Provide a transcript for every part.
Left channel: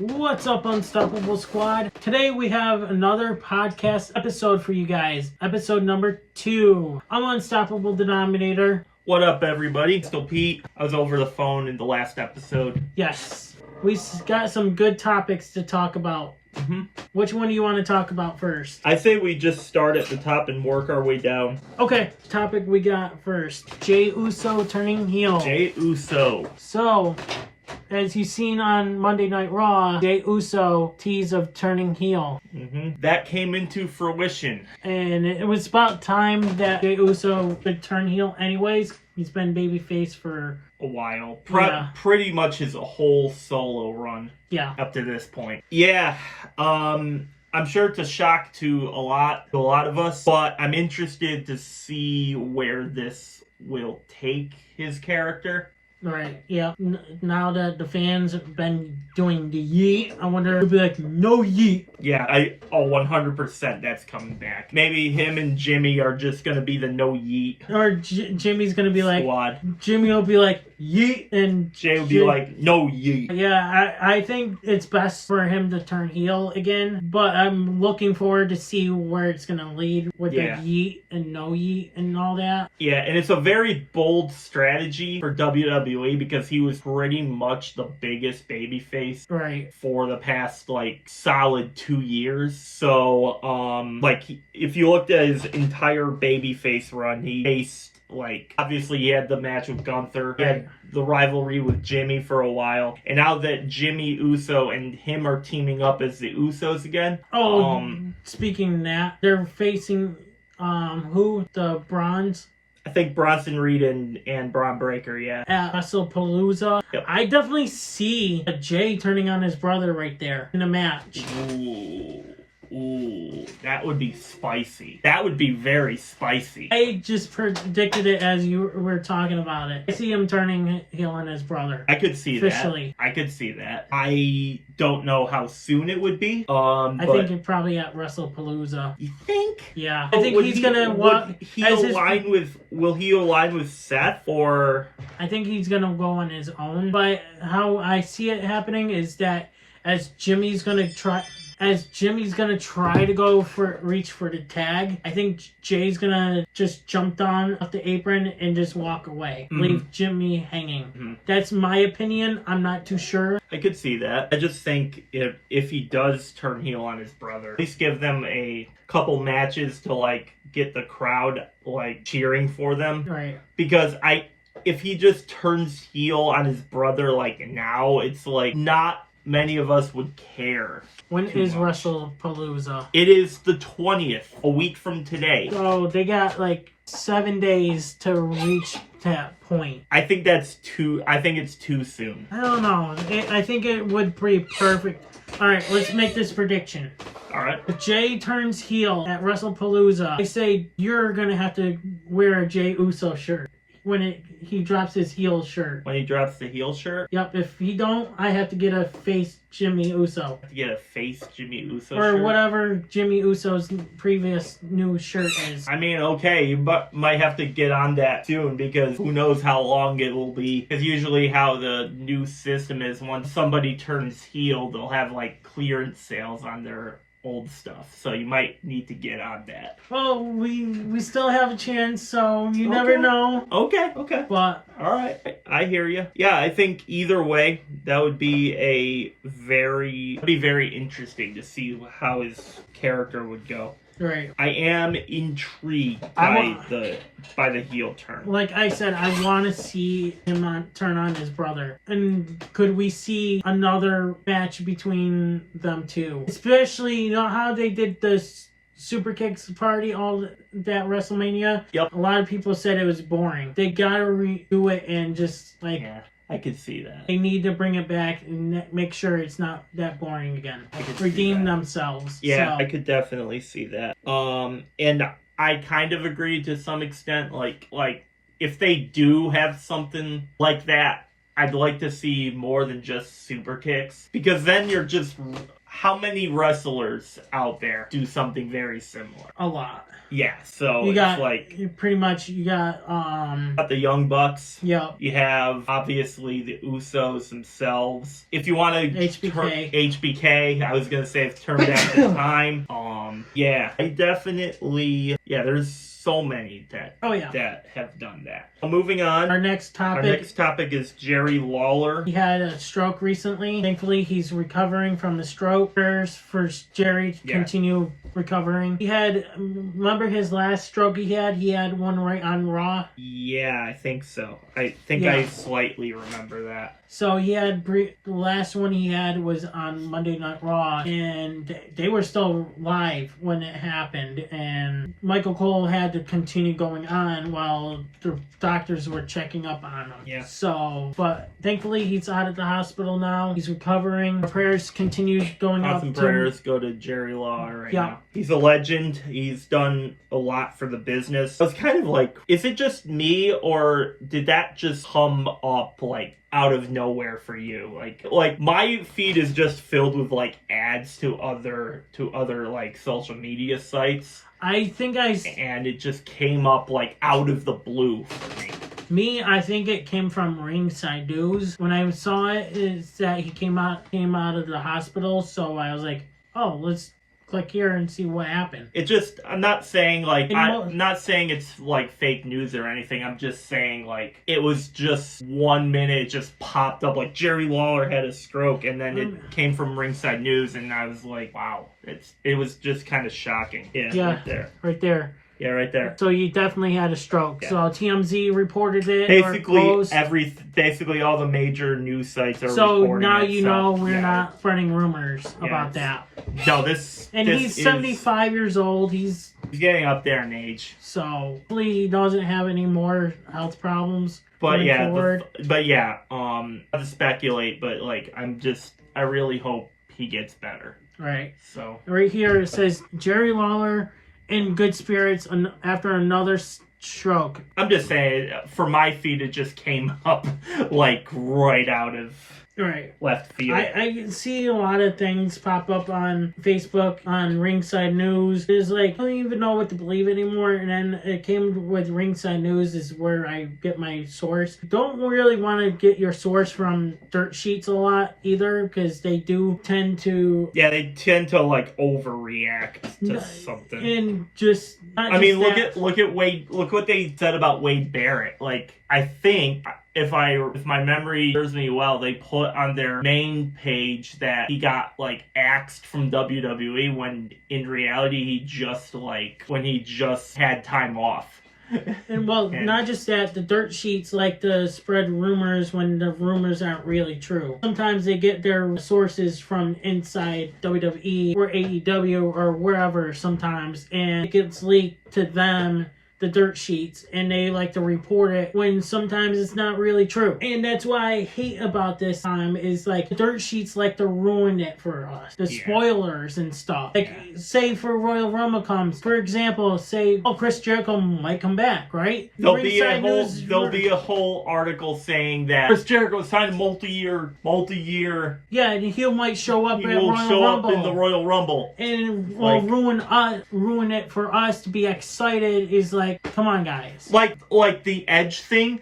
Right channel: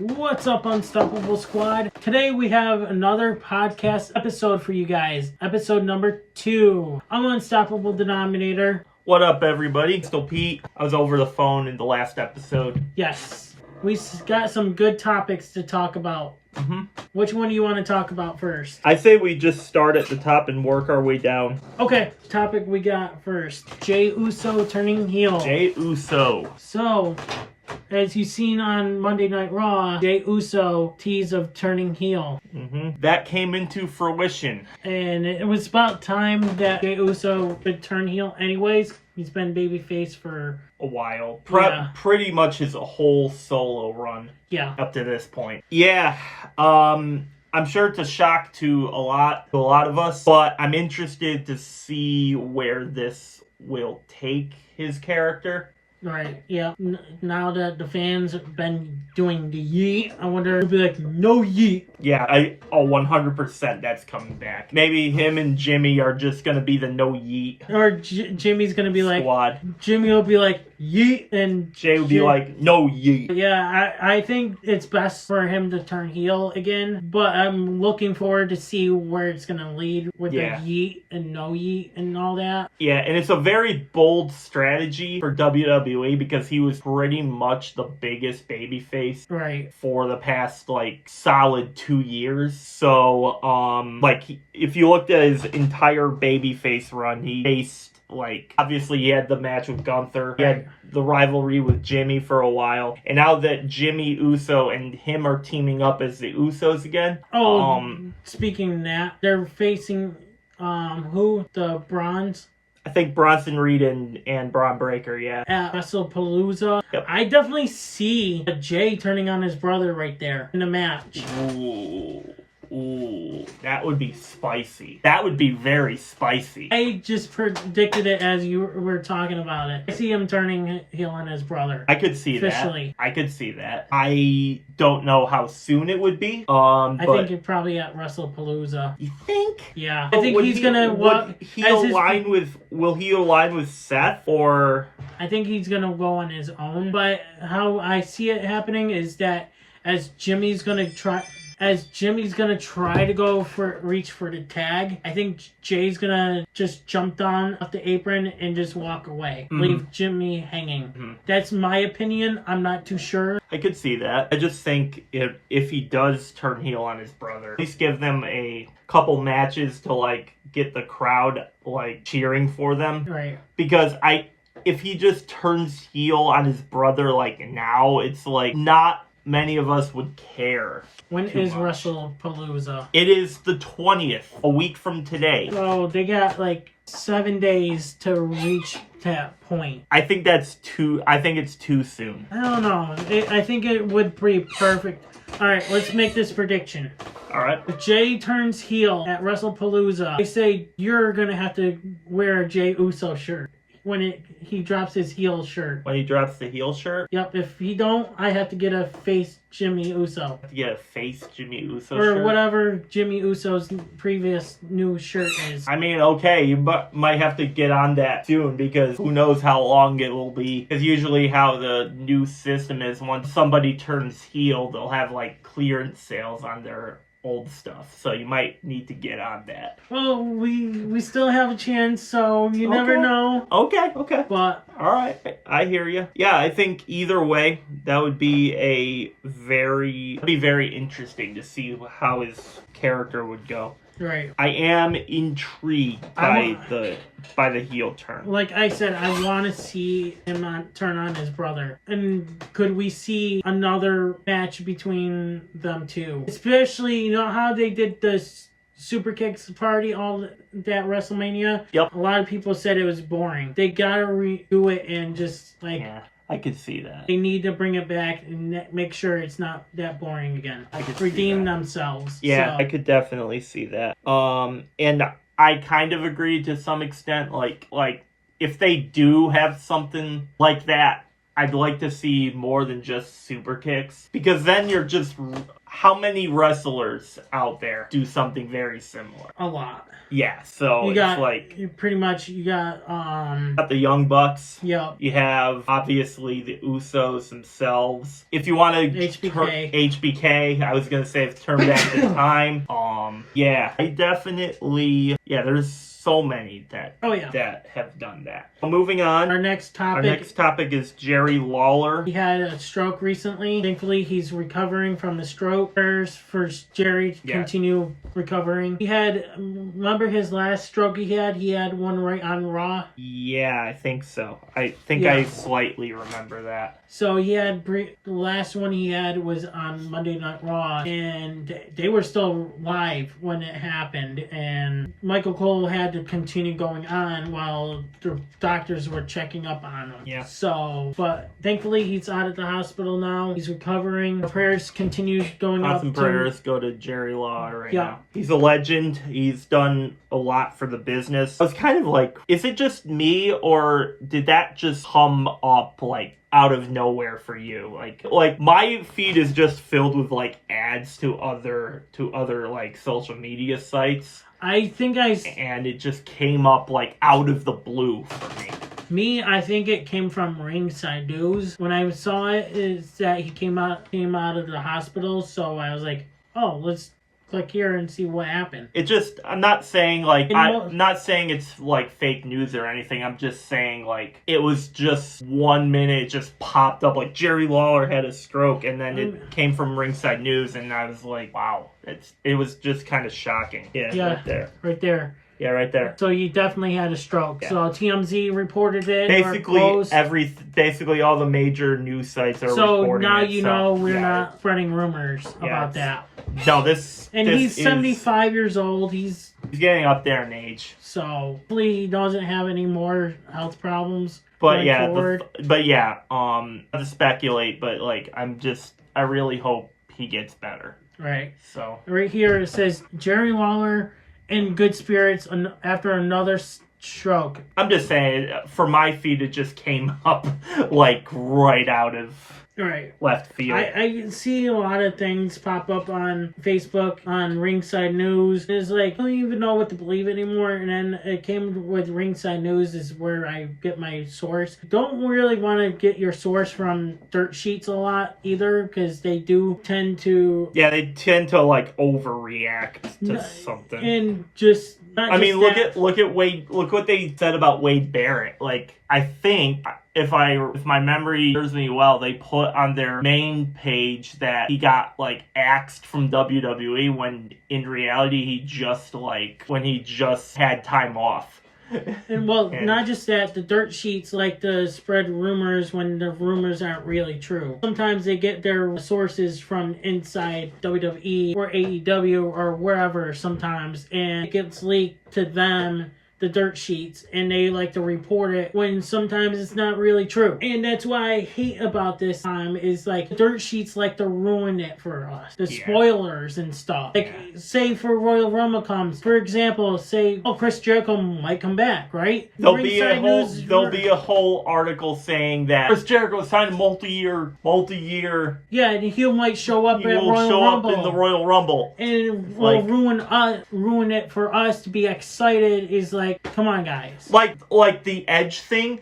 What's up, Unstoppable Squad? Today we have another podcast episode for you guys. Episode number 2. I'm Unstoppable Denominator. What up, everybody? Still Pete. I was over the phone in the last episode. Yes, we got some good topics to talk about. Which one do you want to talk about first? I say we just start at the top and work our way down. Okay, topic we got first. Jey Uso turning heel. Jey Uso. So, as you've seen on Monday Night Raw, Jey Uso tease of turning heel. That came into fruition. And it was about time that Jey Uso could turn heel anyways. He's been babyface for a while. Pretty much his whole solo run. Yeah. Up to this point. Yeah. I'm sure it's a shock to a lot of us, but I'm interested to see where this will take his character. Right, yeah. Now that the fans have been doing the yeet, I wonder if it'll be like, no yeet. Yeah, 100% that's coming back. Maybe him and Jimmy are just going to be the no yeet. Or Jimmy's going to be like, squad. Jimmy will be like, yeet, and Jey will be like, no yeet. Yeah, I think it's best for him to turn heel again, but I'm looking forward to see where it's going to lead with the yeet and no yeet and all that. Yeah, and it's a very bold strategy for WWE because he was pretty much the biggest babyface for the past solid 2 years. So if you looked at his entire babyface run, he faced obviously he had the match with Gunther, he had the rivalry with Jimmy for a while, and now that Jimmy Uso and him are teaming up as the Usos again. Speaking of that, they're facing who? The Bronze? I think Bronson Reed and Braun Breaker, yeah. At WrestlePalooza. Yep. I definitely see Jey turning on his brother right there in a match. Ooh, that would be spicy. That would be very spicy. I just predicted it as you were talking about it. I see him turning heel on his brother. I could see officially. That. I could see that. I don't know how soon it would be. I think it's probably at WrestlePalooza. You think? Yeah. I think he's gonna Will he align with Seth, or? I think he's gonna go on his own. But how I see it happening is that as Jimmy's gonna try to reach for the tag, I think Jay's gonna just jump down off the apron and just walk away. Leave Jimmy hanging. That's my opinion. I'm not too sure. I could see that. I just think if he does turn heel on his brother, at least give them a couple matches to get the crowd cheering for them. Right. Because if he just turns heel on his brother now, it's not many of us would care. When is WrestlePalooza? It is the 20th, a week from today. So they got 7 days to reach that point. I think it's too soon. I don't know. I think it would be perfect. All right, let's make this prediction. All right. If Jey turns heel at WrestlePalooza, I say you're going to have to wear a Jey Uso shirt when he drops his heel shirt. When he drops the heel shirt? Yep. If he don't, I have to get a face Jimmy Uso. To get a face Jimmy Uso or shirt? Whatever Jimmy Uso's previous new shirt is. I mean, okay, you might have to get on that soon because who knows how long it will be. Because usually how the new system is, once somebody turns heel, they'll have clearance sales on their old stuff, so you might need to get on that. Well, we still have a chance, so you never know. Okay. But all right, I hear you. Yeah, I think either way, that would be very interesting to see how his character would go. Right. I am intrigued by the heel turn. Like I said, I want to see him turn on his brother. And could we see another match between them two? Especially, you know how they did the Super Kicks party all that WrestleMania? Yep. A lot of people said it was boring. They gotta redo it and just Yeah. I could see that. They need to bring it back and make sure it's not that boring again. Redeem themselves. Yeah, I could definitely see that. And I kind of agree to some extent. If they do have something like that, I'd like to see more than just super kicks. Because then you're just how many wrestlers out there do something very similar? A lot. Yeah, so you got, it's like pretty much you got the Young Bucks. Yeah. You have obviously the Usos themselves. If you want to HBK, I was gonna say it's turned back the time. Yeah, I definitely there's so many that that have done that. Moving on. Our next topic is Jerry Lawler. He had a stroke recently. Thankfully, he's recovering from the stroke. Prayers for Jerry to continue recovering. He had, remember his last stroke he had? He had one right on Raw. Yeah, I think so. I think I slightly remember that. So he had the last one he had was on Monday Night Raw, and they were still live when it happened. And Michael Cole had to continue going on while the doctors were checking up on him. Yeah. So, but thankfully he's out of the hospital now. He's recovering. Our prayers continue going out. Awesome prayers go to Jerry Lawler right now. He's a legend. He's done a lot for the business. I was kind of like, is it just me, or did that just come up like out of nowhere for you? Like my feed is just filled with like ads to other like social media sites. And it just came up like out of the blue for me. I think it came from Ringside News. When I saw it, is that he came out of the hospital, so I was like, oh, let's click here and see what happened. It just, I'm not saying like, I'm not saying it's like fake news or anything. I'm just saying like, it was just 1 minute, it just popped up like Jerry Lawler had a stroke, and then it came from Ringside News, and I was like, wow, it was just kind of shocking. Yeah, right there. Yeah, right there. So you definitely had a stroke. Yeah. So TMZ reported it. Basically all the major news sites are reporting it. So now you know we're not spreading rumors about that. No, he's 75 years old. He's getting up there in age. So hopefully he doesn't have any more health problems. But not to speculate, but like I really hope he gets better. Right. So right here it says Jerry Lawler in good spirits after another stroke. I'm just saying, for my feed, it just came up like right out of left field. I see a lot of things pop up on Facebook, on Ringside News. It's like, I don't even know what to believe anymore. And then it came with Ringside News is where I get my source. Don't really want to get your source from dirt sheets a lot either, because they do tend to... Yeah, they tend to like overreact to something. And just... look at Wade. Look what they said about Wade Barrett. Like, I think... If my memory serves me well, they put on their main page that he got like axed from WWE when in reality he just had time off. And not just that, the dirt sheets like to spread rumors when the rumors aren't really true. Sometimes they get their sources from inside WWE or AEW or wherever sometimes, and it gets leaked to them, the dirt sheets, and they like to report it when sometimes it's not really true. And that's why I hate about this time is like the dirt sheets like to ruin it for us. The spoilers and stuff. Like say for Royal Rumble comes, for example, say Chris Jericho might come back, right? There'll be a whole article saying that Chris Jericho signed a multi-year. Yeah, and he might show up at Royal Rumble. Up in the Royal Rumble. And it will ruin it for us to be excited. Is like, come on, guys. Like the Edge thing.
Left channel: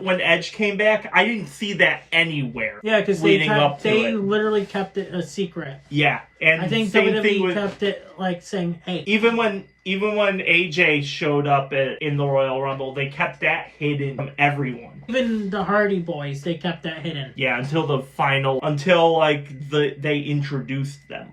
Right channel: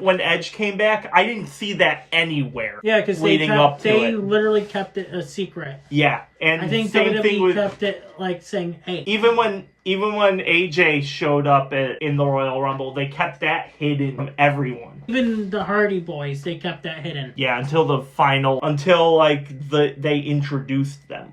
When Edge came back, I didn't see that anywhere. Yeah, because they literally kept it a secret. Yeah, and I think WWE kept it like saying, "Hey." Even when AJ showed up in the Royal Rumble, they kept that hidden from everyone. Even the Hardy Boys, they kept that hidden. Yeah, until they introduced them,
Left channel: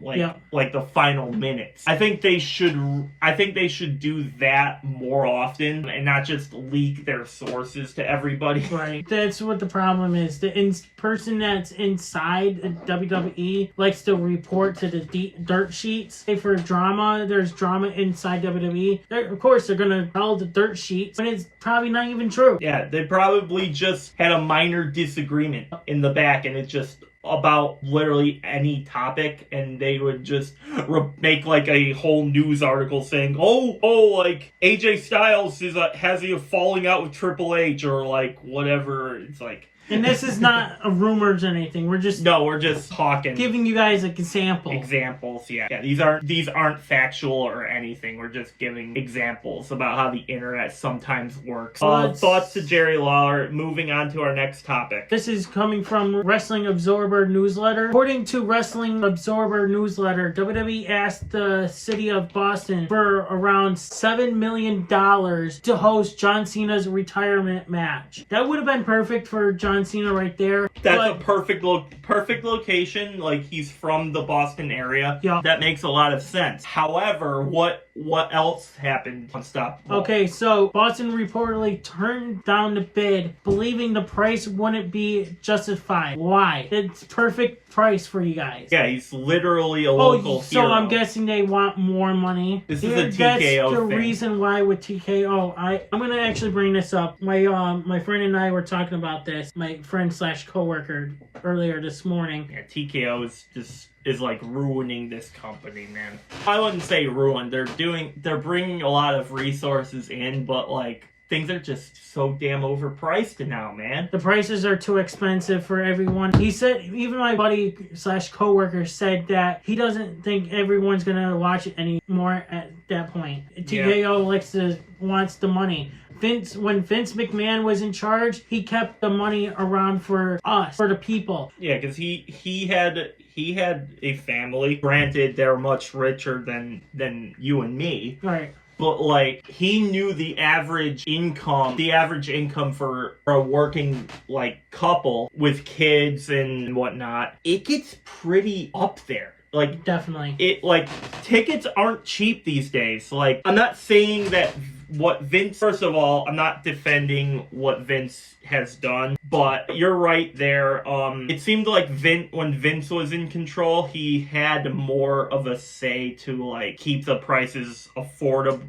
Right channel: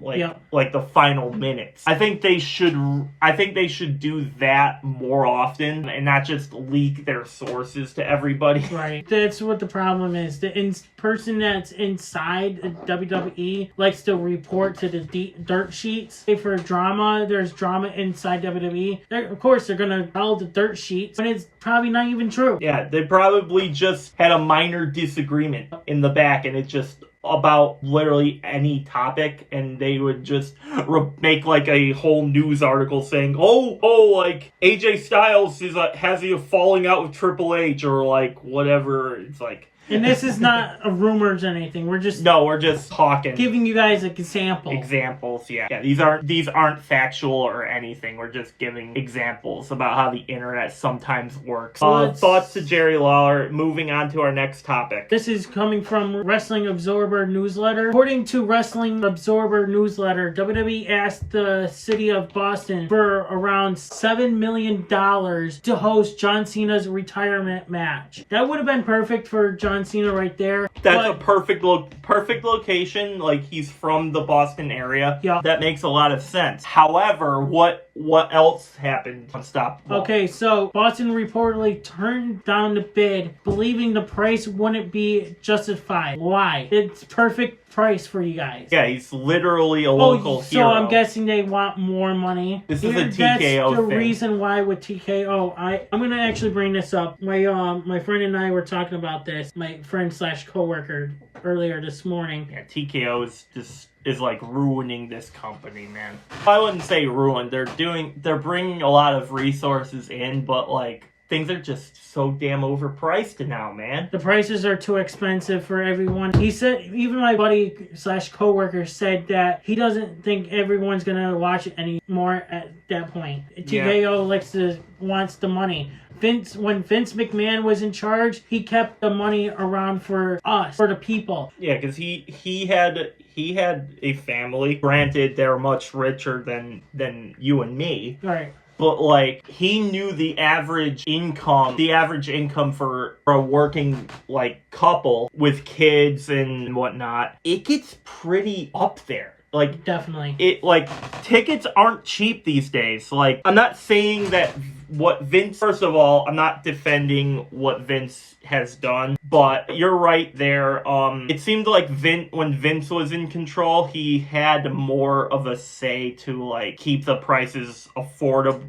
like the final minutes. I think they should do that more often and not just leak their sources to everybody. Right. That's what the problem is. The person that's inside WWE likes to report to the dirt sheets. Hey, for drama, there's drama inside WWE. Of course, they're gonna tell the dirt sheets, but it's probably not even true. Yeah, they probably just had a minor disagreement in the back, and it's just about literally any topic, and they would just make like a whole news article saying, like AJ Styles has a falling out with Triple H or like whatever. It's like, And this is not a rumors or anything. We're just talking, giving you guys examples. Yeah. These aren't factual or anything. We're just giving examples about how the internet sometimes works. Thoughts to Jerry Lawler. Moving on to our next topic. This is coming from Wrestling Observer Newsletter. According to Wrestling Observer Newsletter, WWE asked the city of Boston for around $7 million to host John Cena's retirement match. That would have been perfect for John Cena right there. That's a perfect location. Like, he's from the Boston area. Yeah. That makes a lot of sense. However, what else happened? Stop. Okay, so Boston reportedly turned down the bid, believing the price wouldn't be justified. Why? It's perfect price for you guys. Yeah, he's literally a local so hero. I'm guessing they want more money. This is a TKO That's the thing. reason why with TKO, I'm gonna actually bring this up. My friend and I were talking about this. My friend / coworker earlier this morning. Yeah, TKO is like ruining this company, man. I wouldn't say ruined. They're bringing a lot of resources in, but like things are just so damn overpriced now, man. The prices are too expensive for everyone. He said, even my buddy / coworker said that he doesn't think everyone's gonna watch it anymore at that point. TKO wants the money. When Vince McMahon was in charge, he kept the money around for us, for the people. Yeah, because he had a family. Granted, they're much richer than you and me. Right. But like, he knew the average income for a working like couple with kids and whatnot. It gets pretty up there. Like, definitely. Tickets aren't cheap these days. Like, I'm not saying that first of all, I'm not defending what Vince has done, but you're right there. It seemed like when Vince was in control, he had more of a say to like keep the prices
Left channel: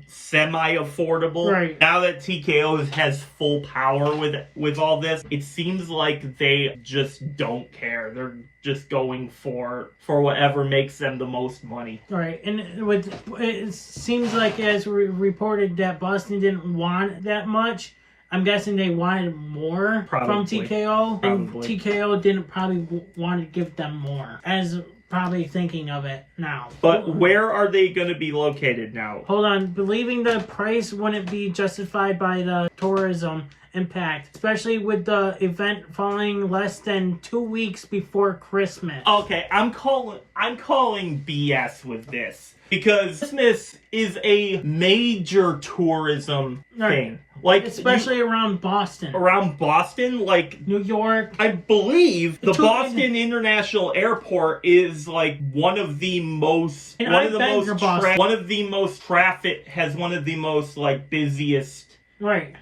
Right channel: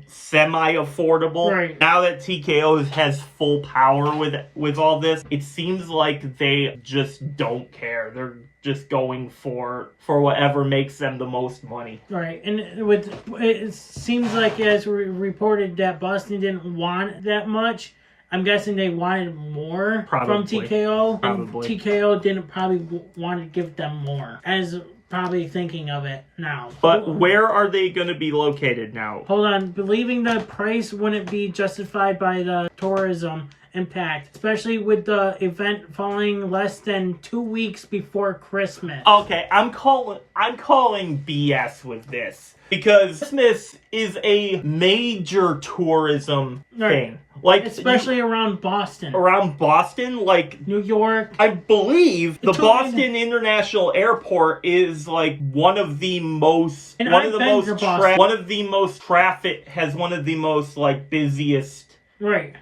semi-affordable. Right. Now that TKO has full power with all this, it seems like they just don't care. They're just going for whatever makes them the most money. Right, and it seems like, as we reported, that Boston didn't want that much. I'm guessing they wanted more from TKO, and TKO didn't probably want to give them more, as probably thinking of it now. But where are they going to be located now? Hold on, believing the price wouldn't be justified by the tourism impact, especially with the event falling less than 2 weeks before Christmas. Okay, I'm calling BS with this, because Christmas is a major tourism thing. Like, especially around Boston. Around Boston, like New York. I believe the Boston International Airport is like one of the most traffic, has one of the most like busiest. Right.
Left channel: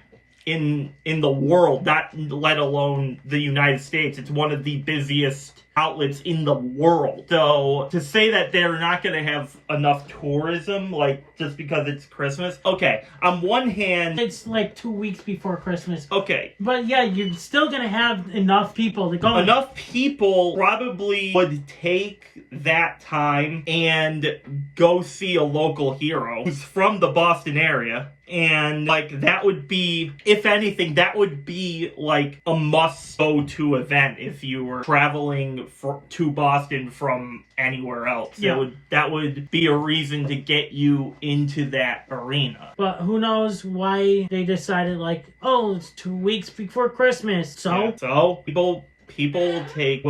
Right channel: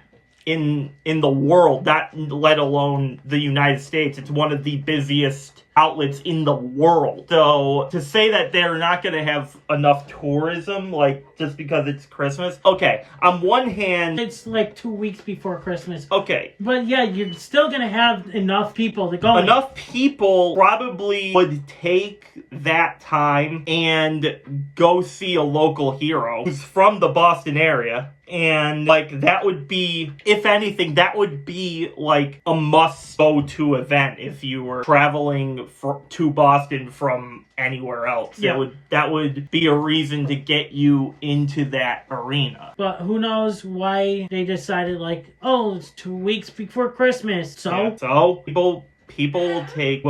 In the world, not let alone the United States. It's one of the busiest outlets in the world. So to say that they're not going to have enough tourism, like, just because it's Christmas, okay, on one hand, it's like 2 weeks before Christmas. Okay. But yeah, you're still going to have enough people to go. Enough people probably would take that time and go see a local hero who's from the Boston area. And, like, that would be, if anything, that would be, like, a must-go-to event if you were traveling to Boston from anywhere else. Yeah. That would be a reason to get you into that arena. But who knows why they decided, like, oh, it's 2 weeks before Christmas. So? Yeah, so people will take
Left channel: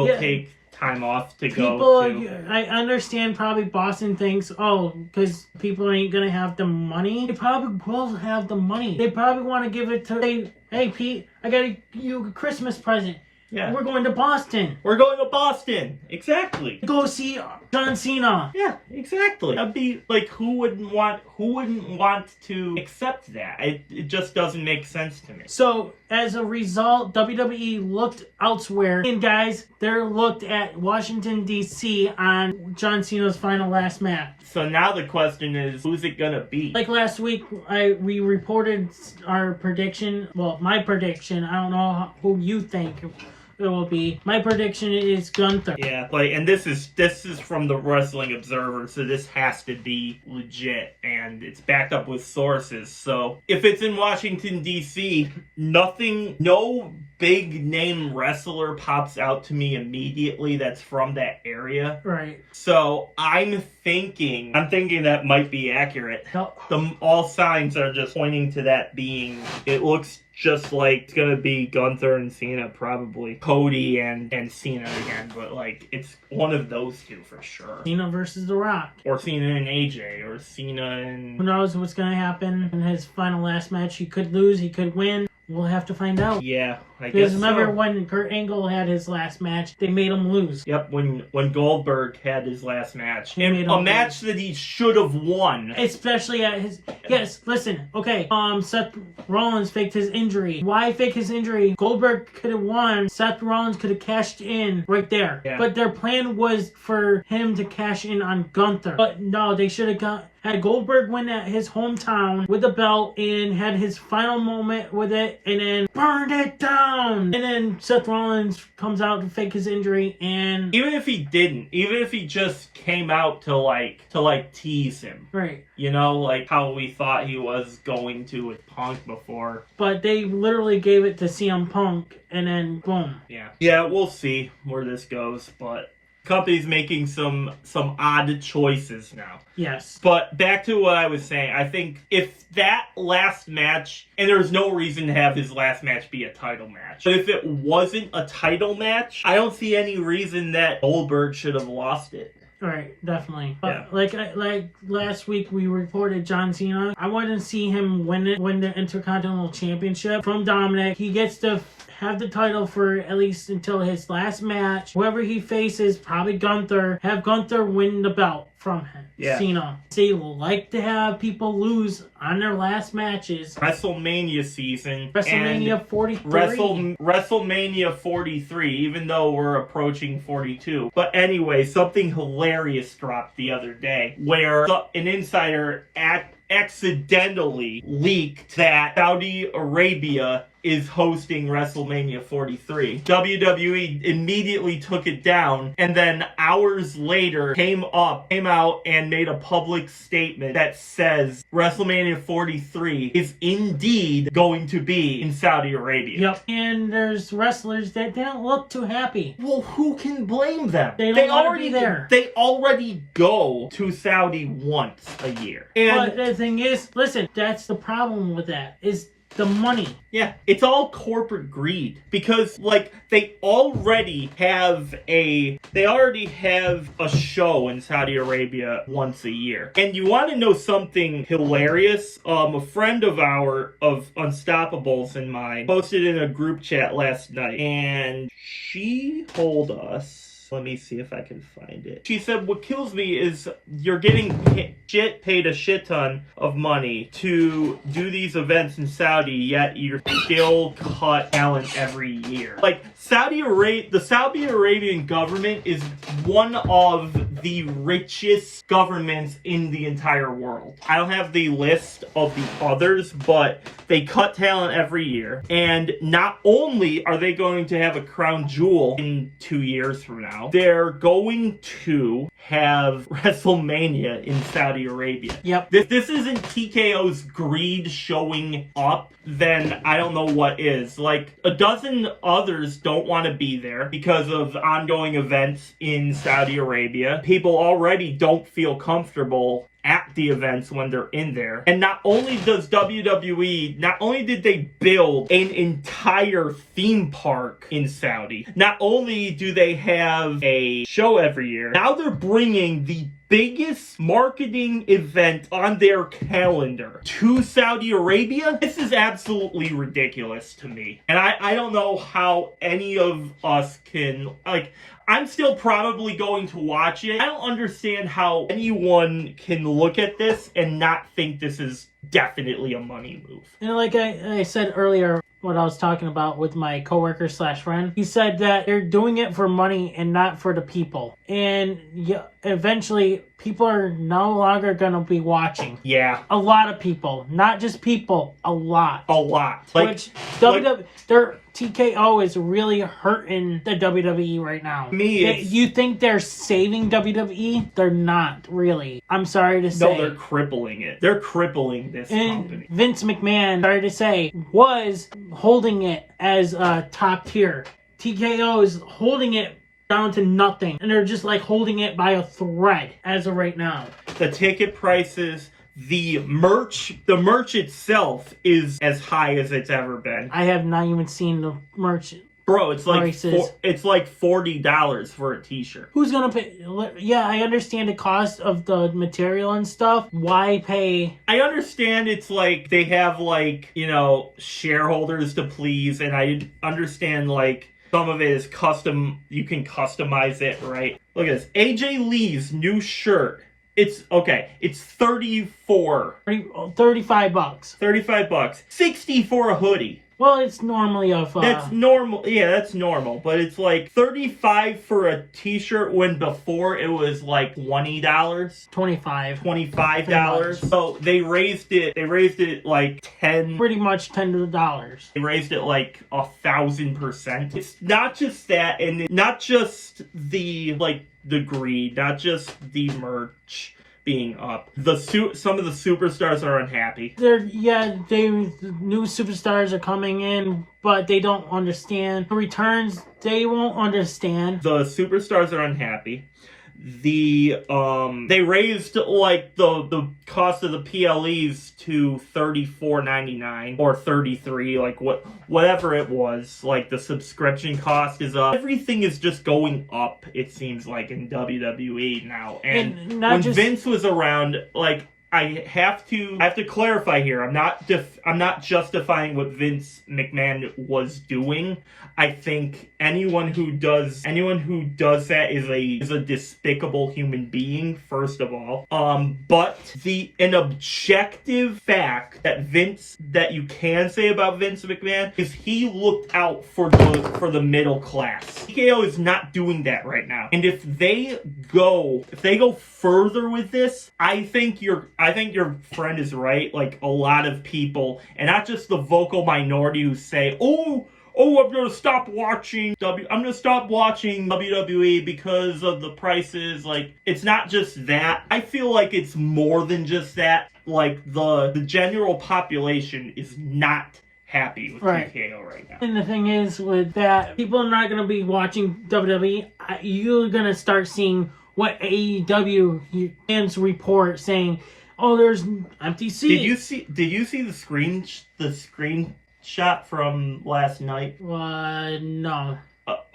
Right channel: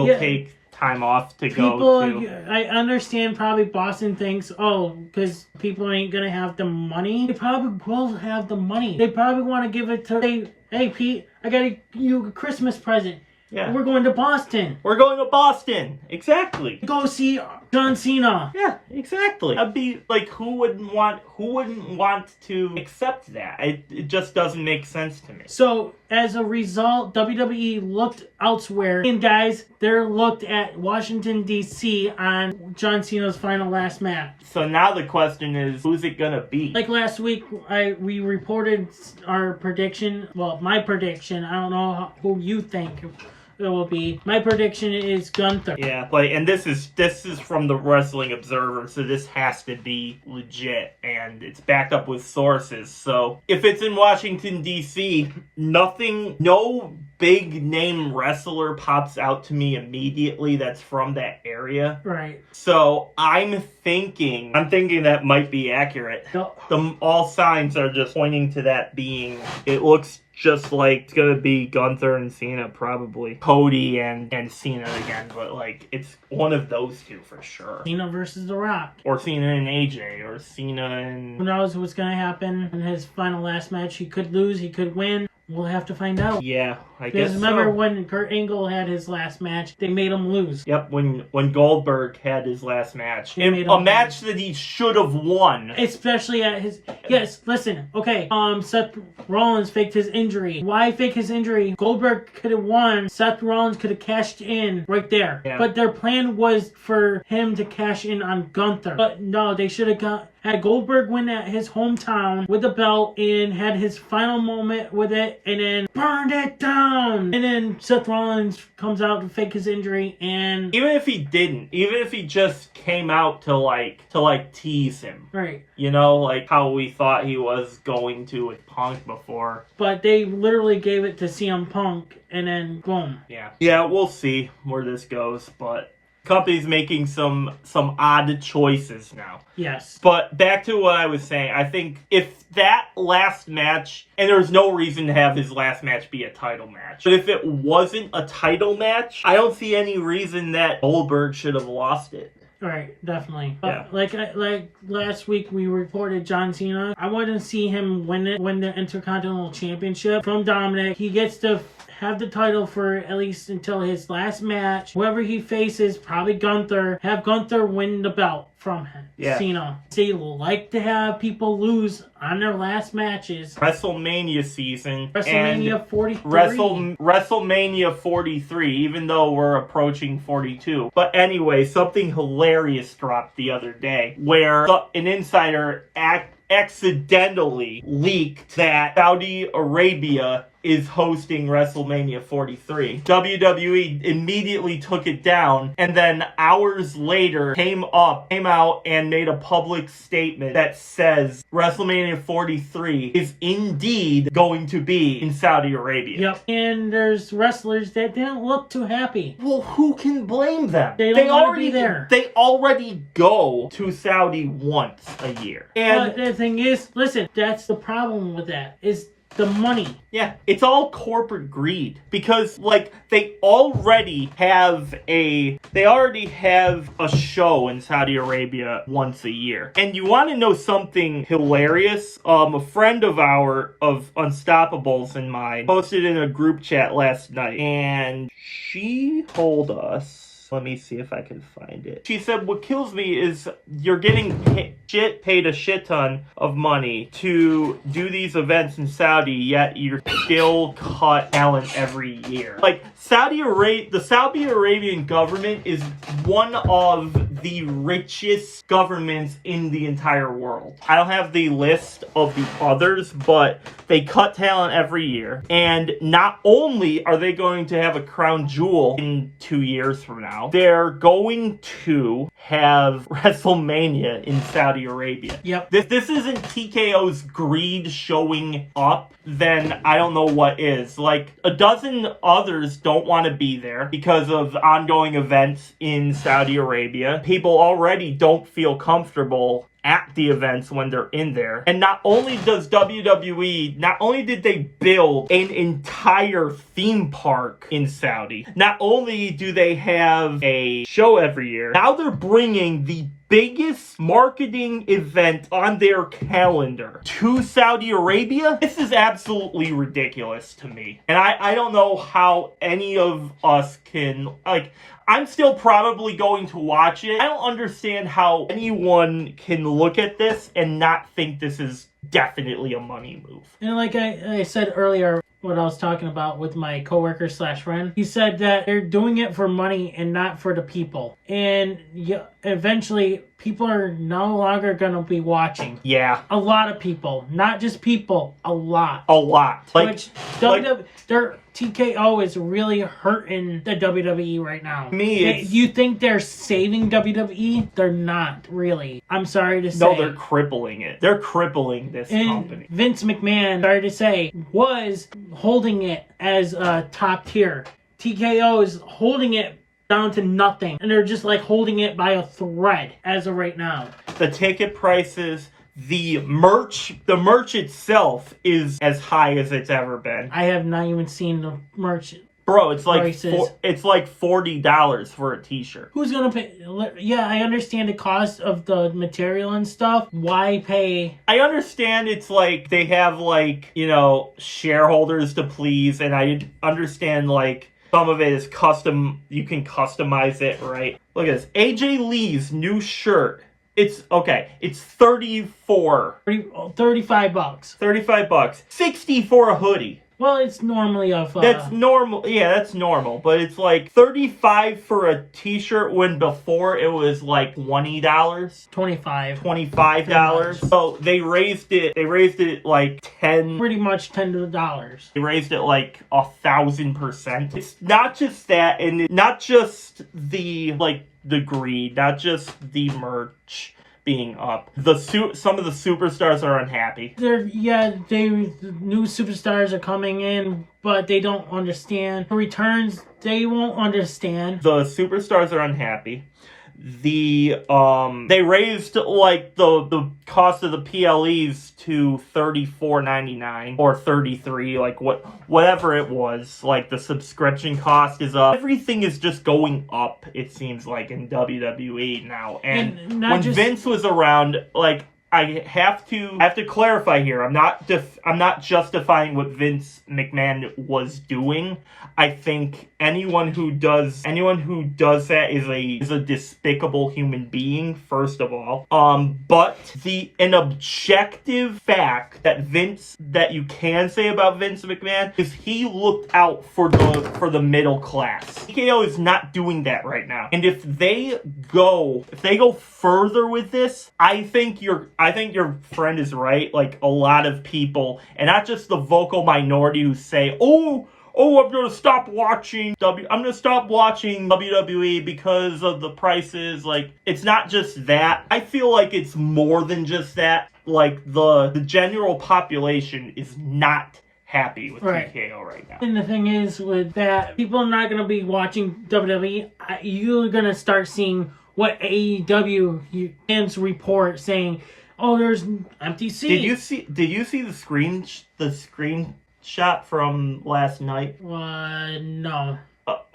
time off to go to. I understand probably Boston thinks, oh, because people ain't gonna have the money. They probably will have the money. They probably want to give it to, hey Pete, I got you a Christmas present. Yeah. We're going to Boston. We're going to Boston. Exactly. Go see John Cena. Yeah, exactly. That'd be like, who wouldn't want to accept that? It just doesn't make sense to me. So as a result, WWE looked elsewhere. And guys, they're looked at Washington D.C. on John Cena's last match. So now the question is, who's it gonna be? Like last week, we reported our prediction. Well, my prediction. I don't know who you think it will be. My prediction is Gunther. Yeah, and this is from the Wrestling Observer, so this has to be legit, and it's backed up with sources. So if it's in Washington D.C., no big name wrestler pops out to me immediately that's from that area. Right. So I'm thinking that might be accurate. No. All signs are just pointing to that being. It looks just like it's gonna be Gunther and Cena, probably Cody and Cena again, but it's one of those two for sure. Cena versus The Rock, or Cena and AJ, or Cena and who knows what's gonna happen in his final last match. He could lose, he could win. We'll have to find out. Yeah, I guess. Because remember when Kurt Angle had his last match, they made him lose. Yep, when Goldberg had his last match. A match that he should have won. Especially at his... Yes, listen. Okay, Seth Rollins faked his injury. Why fake his injury? Goldberg could have won. Seth Rollins could have cashed in right there. Yeah. But their plan was for him to cash in on Gunther. But no, they should have had Goldberg win at his hometown with the belt and had his final moment with it and then burned it down. And then Seth Rollins comes out to fake his injury, and even if he didn't, even if he just came out to tease him. Right. You know, how we thought he was going to with Punk before. But they literally gave it to CM Punk and then boom. Yeah. Yeah, we'll see where this goes, but company's making some odd choices now. Yes. But back to what I was saying, I think if that last match, and there's no reason to have his last match be a title match, but if it wasn't a title match, I don't see any reason that Goldberg should have lost it. Right, definitely. Yeah. Like last week we reported John Cena. I want to see him win the Intercontinental Championship from Dominic. He gets to have the title for at least until his last match. Whoever he faces, probably Gunther. Have Gunther win the belt from him. Yeah. Cena. They like to have people lose on their last matches. WrestleMania season. WrestleMania 43. WrestleMania 43, even though we're approaching 42. But anyway, something hilarious dropped the other day where an insider accidentally leaked that Saudi Arabia is hosting WrestleMania 43. WWE immediately took it down, and then hours later came out and made a public statement that says WrestleMania 43 is indeed going to be in Saudi Arabia. Yep. And there's wrestlers that don't look too happy. Well, who can blame them? They already there. They already go to Saudi once a year. And but the thing is, listen, that's the problem with that, is the money. Yeah, it's all corporate greed because they already have a show in Saudi Arabia once a year. And you want to know something hilarious? A friend of Unstoppables and mine posted in a group chat last night, and she told us, let me see if I can find it. She said, what kills me is you're getting paid a shit ton of money to do these events in Saudi, yet you're still cut talent every year. The Saudi Arabian government is one of the richest governments in the entire world. I don't have the list of the others, but they cut talent every year. And not only are they going to have a crown jewel in 2 years from now, they're going to have WrestleMania in Saudi Arabia. Yep. This isn't TKO's greed showing up, then I don't know what is. A dozen others don't want to be there because of the ongoing events in Saudi Arabia. People already don't feel comfortable at the events when they're in there. And not only does WWE, not only did they build an entire theme park in Saudi, not only do they have a show every year, now they're bringing the biggest marketing event on their calendar to Saudi Arabia. This is absolutely ridiculous to me. And I don't know how any of us can, I'm still probably going to watch it. I don't understand how anyone can look at this and not think this is definitely a money move. And like I said earlier, what I was talking about with my coworker / friend, he said that they're doing it for money and not for the people. And eventually, people are no longer going to be watching. Yeah. A lot of people. Not just people. A lot. A lot. Which their TKO is really hurting the WWE right now. You think they're saving WWE? They're not, really. I'm sorry to say. No, they're crippling it. They're crippling this company. Vince McMahon, sorry to say, was holding it as a top tier. TKO is holding it down to nothing. And they're just like holding it by a thread as of right now. The ticket prices, the merch itself is as high as it's ever been. I have not even seen the merch. Bro, it's like $40 for a t-shirt. Who's gonna pay? Yeah, I understand the cost of the material and stuff. Why pay? I understand it's like they have like, you know, shareholders to please, and I understand like some of it is custom. You can customize it, right? Look at this. AJ Lee's new shirt. It's okay. It's $35. $35. 60 for a hoodie. Well, it's normally That's normal. Yeah, that's normal. But it's like $35 for a t-shirt when before it was like $20. $25. So they raised it like 10. Pretty much $10. They raised it like 1,000%. It's not just that, and not just the greed, not just the merch being up. Some of the superstars are unhappy. The new superstars are coming in, but they don't understand. The returns, they won't understand. The superstars are unhappy. They raised like the cost of the PLEs to $34.99 or $33, like whatever it was. Like the subscription cost is up. Everything is just going up, it seems like, in WWE now. And when Vince was around, like, I have to clarify here. I'm not justifying what Vince McMahon was doing. I think anyone who does that is a despicable human being, first of all. But an objective fact that you can say about Vince McMahon is he looked out for the middle class. TKO is not doing that right now. And if they go further with this, I think your friend is right. Like, a lot of people, and not just the vocal minority who say, oh, I'm gonna stop watching WWE because of the prices. Like, it's not just that. I feel like it's more than just that. Like, the general population is not happy with TKO right now. And the thing is with that, people are not gonna be watching WWE. You're gonna start seeing what AEW fans report saying, oh, there's empty seats. Did you see the screenshot from last night? No.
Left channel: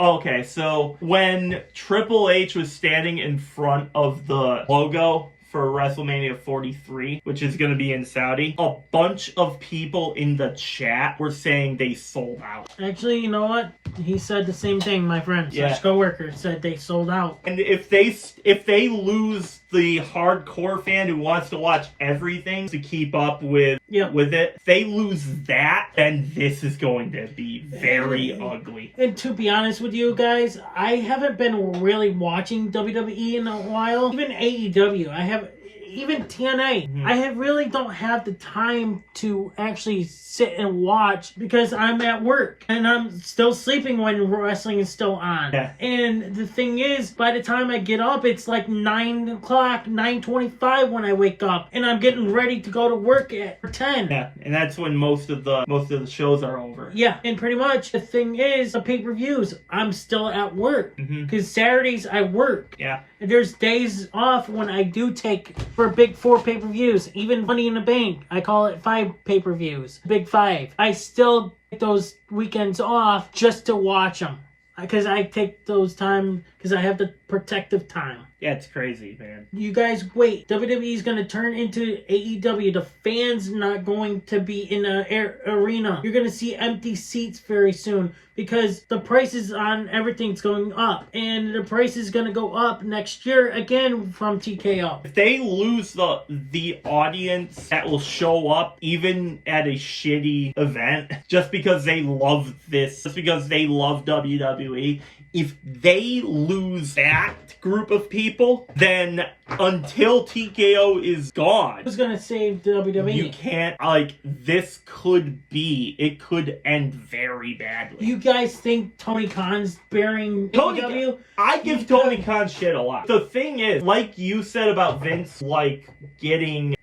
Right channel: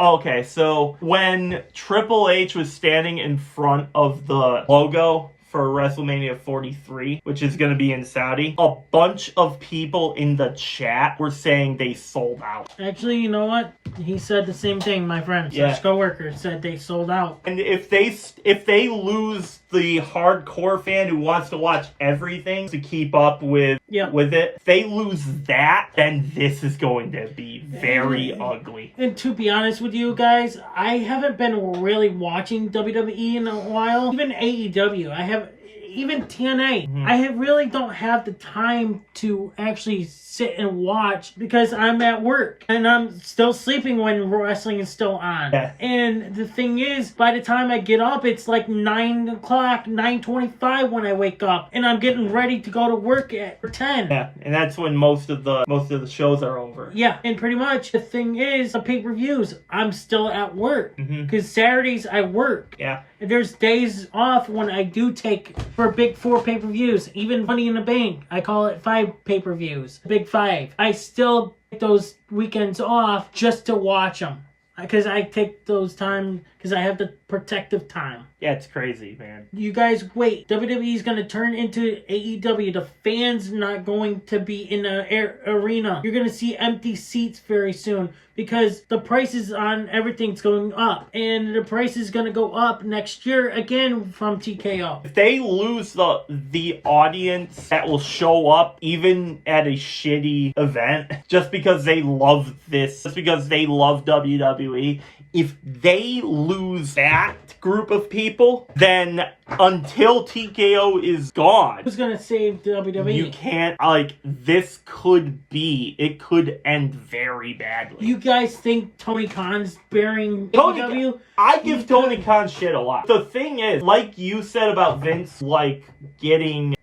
Okay, so when Triple H was standing in front of the logo for WrestleMania 43, which is going to be in Saudi, a bunch of people in the chat were saying they sold out. Actually, you know what? He said the same thing, my friend. Yeah. His coworker said they sold out. And if they lose the hardcore fan who wants to watch everything to keep up with it, if they lose that, then this is going to be very ugly. And to be honest with you guys, I haven't been really watching WWE in a while. Even AEW, even TNA. Mm-hmm. I really don't have the time to actually sit and watch because I'm at work and I'm still sleeping when wrestling is still on. Yeah. And the thing is, by the time I get up, it's like 9 o'clock, 9:25 when I wake up, and I'm getting ready to go to work at 10. Yeah, and that's when most of the shows are over. Yeah, and pretty much the thing is, the pay-per-views, I'm still at work because Saturdays I work. Yeah. And there's days off when I do take for big 4 pay-per-views, even Money in the Bank. I call it 5 pay-per-views, big 5. I still take those weekends off just to watch them because I take those time because I have the protective time. Yeah, it's crazy, man. You guys wait. WWE is going to turn into AEW. The fans not going to be in the arena. You're going to see empty seats very soon because the prices on everything's going up. And the price is going to go up next year again from TKO. If they lose the audience that will show up even at a shitty event just because they love this, just because they love WWE, if they lose that group of people, then until TKO is gone, Who's gonna save WWE? you can't, like, this could be, it could end very badly. You guys think Tony Khan's bearing AEW? I give Tony Khan shit a lot. The thing is, like you said about Vince, like,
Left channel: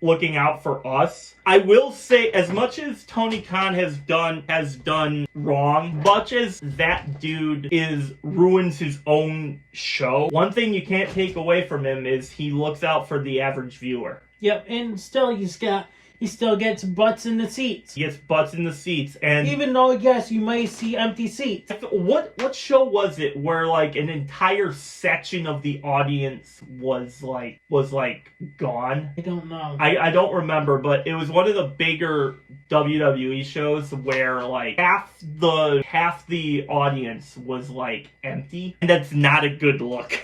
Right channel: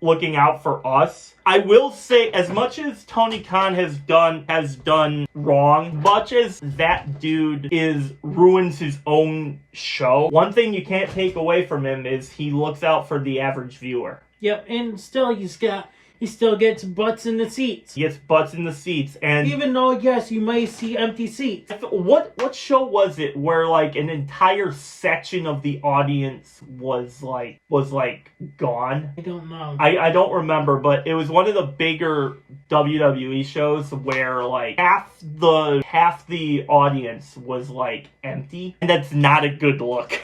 looking out for us, I will say, as much as Tony Khan has done wrong, much as that dude ruins his own show, one thing you can't take away from him is he looks out for the average viewer. Yep, and still he still gets butts in the seats. He gets butts in the seats, and even though, yes, you might see empty seats. What show was it where, like, an entire section of the audience was gone? I don't know. I don't remember, but it was one of the bigger WWE shows where, like, half the audience was, like, empty, and that's not a good look.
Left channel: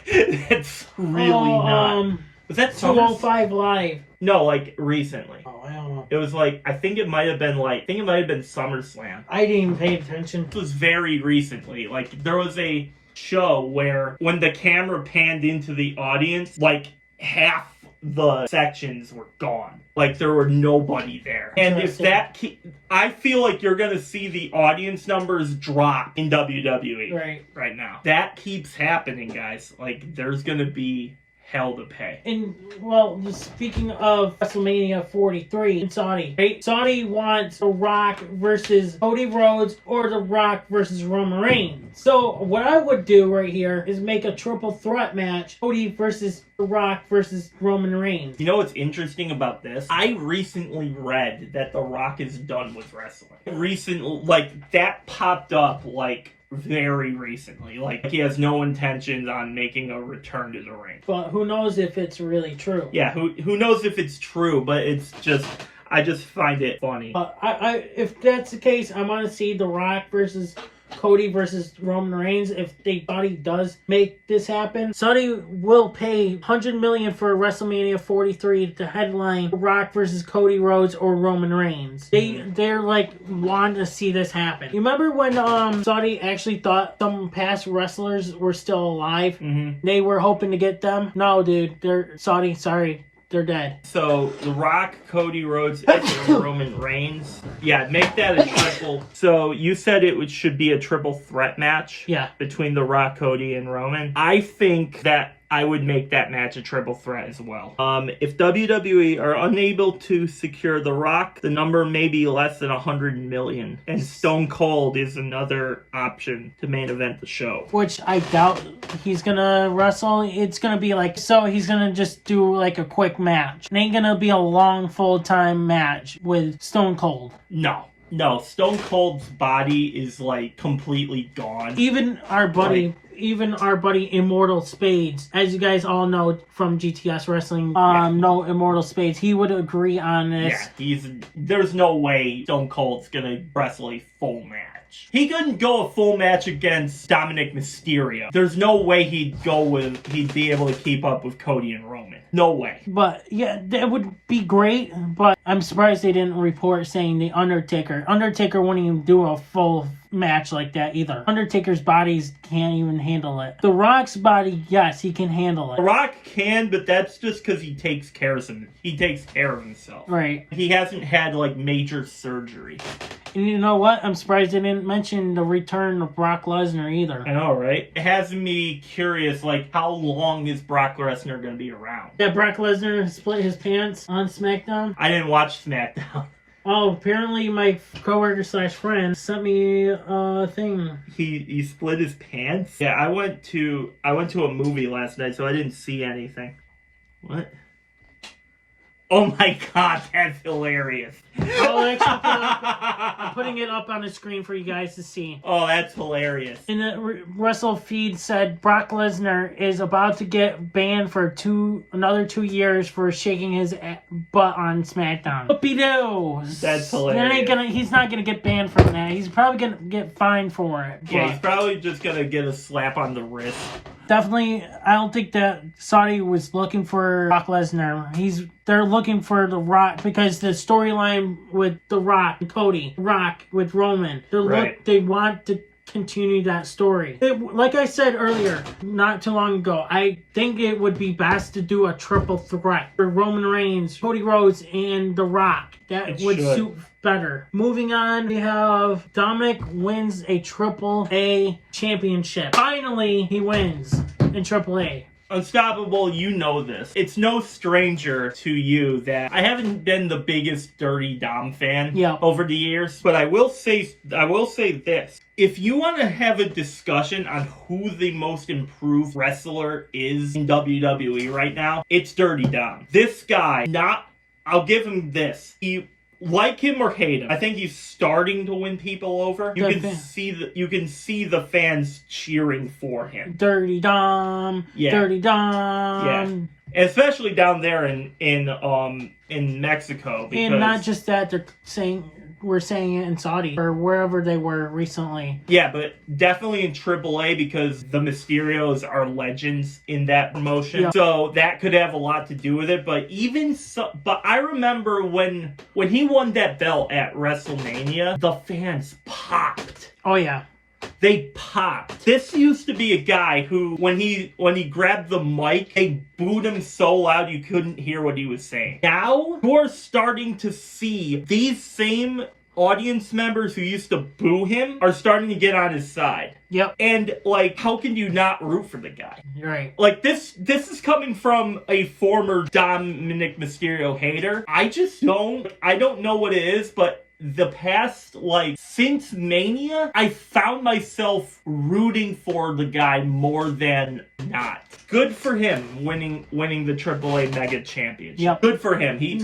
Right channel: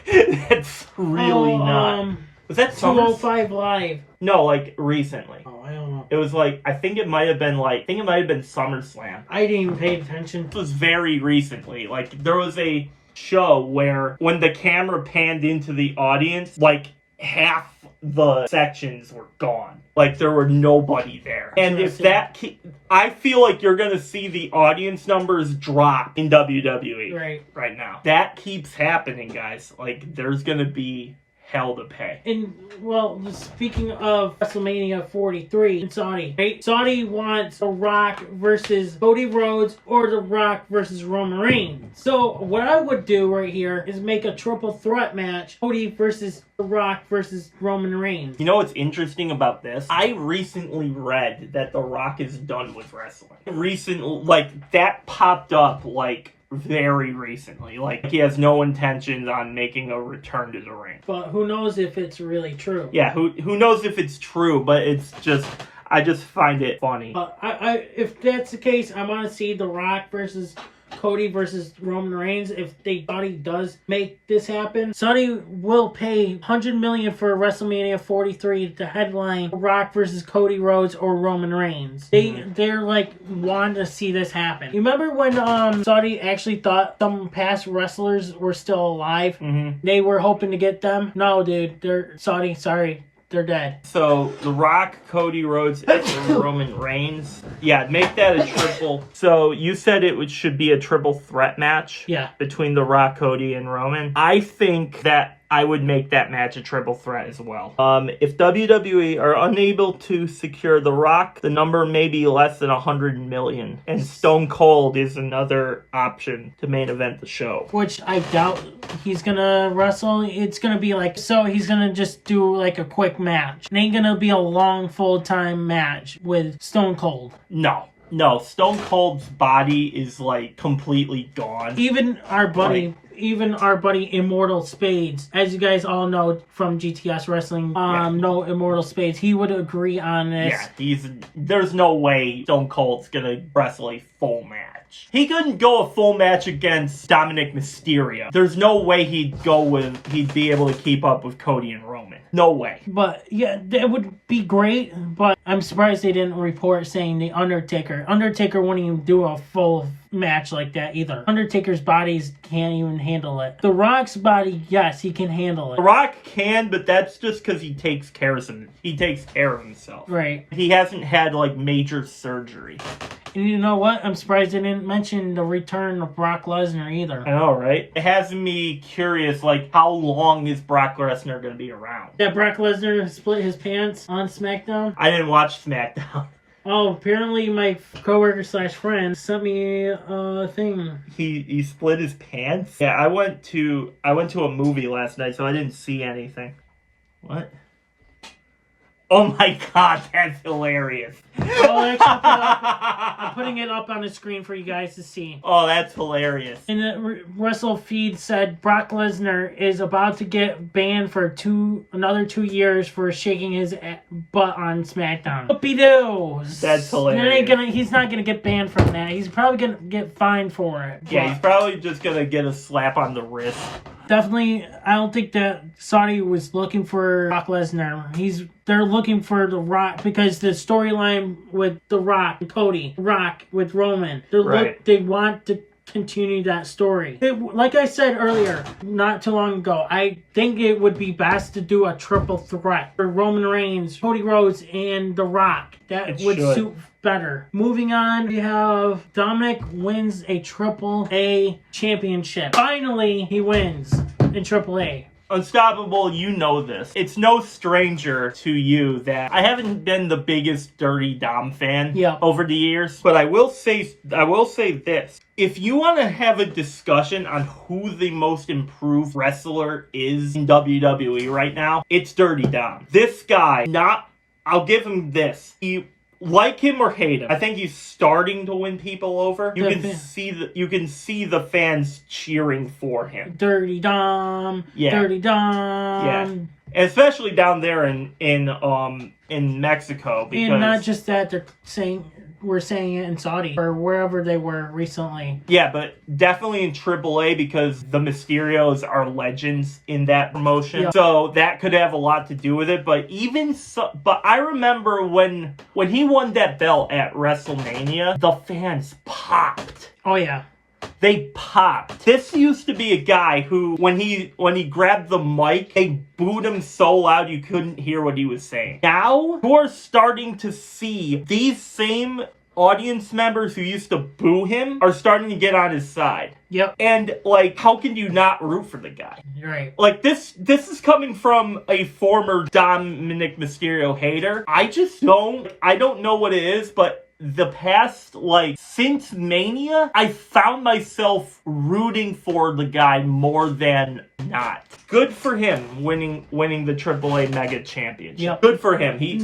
That's really not. Was that 205 Live? No, like, recently. Oh, I don't know. It was like, I think it might have been SummerSlam. I didn't even pay attention. It was very recently. Like, there was a show where when the camera panned into the audience, like, half the sections were gone. Like, there were nobody there. And if that... I feel like you're going to see the audience numbers drop in WWE right now. That keeps happening, guys. Like, there's going to be hell to pay. And, well, speaking of WrestleMania 43 in Saudi, right? Saudi wants The Rock versus Cody Rhodes or The Rock versus Roman Reigns. So, what I would do right here is make a triple threat match. Cody versus The Rock versus Roman Reigns. You know what's interesting about this? I recently read that The Rock is done with wrestling. That popped up, like, very recently. Like, he has no intentions on making a return to the ring. But who knows if it's really true? Yeah, who knows if it's true, but it's just... I just find it funny. If that's the case, I want to see The Rock versus Cody versus Roman Reigns. If Saudi does make this happen, Saudi will pay $100 million for WrestleMania 43 to headline The Rock versus Cody Rhodes or Roman Reigns. They're like want to see this happen. You remember when Saudi actually thought some past wrestlers were still alive? Mm-hmm. They were hoping to get them. No, dude, they're Saudi. Sorry. They're dead. So, The Rock, Cody Rhodes, and Roman Reigns. Yeah, make that a triple. So, you said it should be a triple threat match? Yeah. Between The Rock, Cody, and Roman? I think that I would make that match a triple threat as well. If WWE are unable to secure The Rock, the number may be less than $100 million. And Stone Cold is another option to main event the show. Which I doubt he's gonna wrestle. It's gonna be like, so he's gonna just do like a quick match. It ain't gonna be a long full-time match with Stone Cold. No, Stone Cold's body is like completely gone. Even our buddy Immortal Spades, as you guys all know from GTS Wrestling, no Immortal Spades, he would agree on this. Yeah, there's no way Stone Cold's gonna wrestle a full match. He couldn't go a full match against Dominic Mysterio. There's no way he'd be able to keep up with Cody and Roman. No way. But yeah, that would be great, but I'm surprised they didn't report saying the Undertaker. Undertaker wouldn't even do a full match like that either. Undertaker's bodies can't even handle it. The Rock's body, yes, he can handle it. The Rock can, but that's just because he takes care of himself. Right. He hasn't had like major surgery. And you know what? I'm surprised they didn't mention the return of Brock Lesnar either. I know, right? It has me curious, like, how long is Brock Lesnar going to be around? Yeah, Brock Lesnar split his pants on SmackDown. I didn't watch SmackDown. Oh, apparently my coworker / friend sent me a thing. He split his pants? Yeah, I went to a movie last night, so I didn't see anything. What? Oh my god, that's hilarious. I'm putting it up on the screen for you guys to see. Oh, that's hilarious. And the Wrestle feed said Brock Lesnar is about to get banned for another 2 years for shaking his butt on SmackDown. Whoopie-doo! That's hilarious. He's not gonna get banned from that. He's probably gonna get fined for it. Yeah, he's probably just gonna get a slap on the wrist. Definitely, I don't think that Saudi was looking for Brock Lesnar. They're looking for The Rock because the storyline with The Rock and Cody, Rock with Roman. They want continue that story. Like I said earlier, not too long ago, I think it would be best to do a triple threat for Roman Reigns, Cody Rhodes, and The Rock. That would suit better. Moving on, we have Dominic wins a AAA championship. Finally, he wins in AAA. Unstoppable, you know this. It's no stranger to you that I haven't been the biggest Dirty Dom fan over the years, but I will say this. If you want to have a discussion on who the most improved wrestler is in WWE right now, it's Dirty Dom. This guy, I'll give him this. Like him or hate him, I think he's starting to win people over. You can see the fans cheering for him. Dirty Dom. Dirty Dom. Yeah. Especially down there in Mexico, because, and not just that, we're saying it in Saudi or wherever they were recently. Yeah, but definitely in AAA, because the Mysterios are legends in that promotion. Yeah. So that could have a lot to do with it. But but I remember when he won that belt at WrestleMania, the fans popped. Oh yeah. They popped. This used to be a guy who, when he grabbed the mic, they booed him so loud you couldn't hear what he was saying. Now, you're starting to see these same audience members who used to boo him are starting to get on his side. Yep. And, how can you not root for the guy? Right. This is coming from a former Dominic Mysterio hater. I don't know what it is, but the past, since Mania, I found myself rooting for the guy more than not. Good for him winning the AAA Mega Championship. Yep. Good for him. He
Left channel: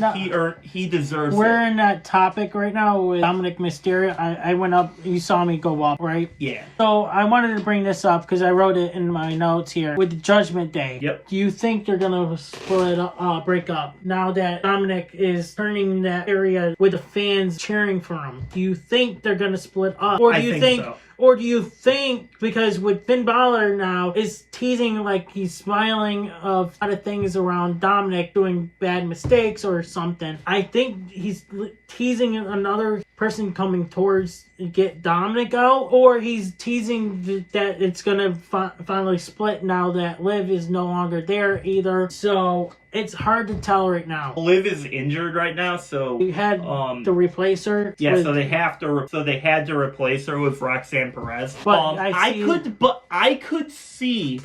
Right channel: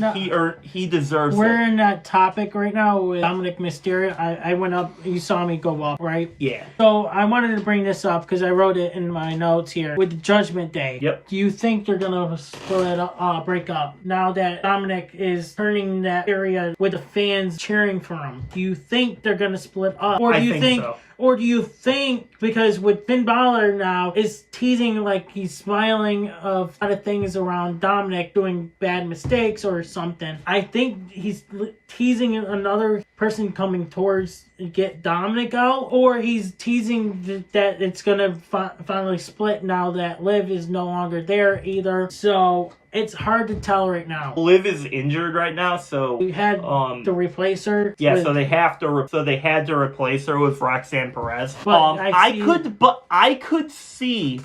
deserves it. We're in that topic right now with Dominic Mysterio. I went up, you saw me go up, right? Yeah. So I wanted to bring this up because I wrote it in my notes here. With Judgment Day. Yep. Do you think they're going to break up now that Dominic is turning that area with the fans cheering for him? Do you think they're going to split up? Or do you think so. Or do you think, because with Finn Balor now is teasing, he's smiling of a lot of things around Dominic doing bad mistakes or something, I think he's teasing another person coming towards get Dominic out, or he's teasing that it's going to finally split now that Liv is no longer there either. So it's hard to tell right now. Liv is injured right now, so we had to replace her. Yeah, so they had to replace her with Roxanne Perez. But I could see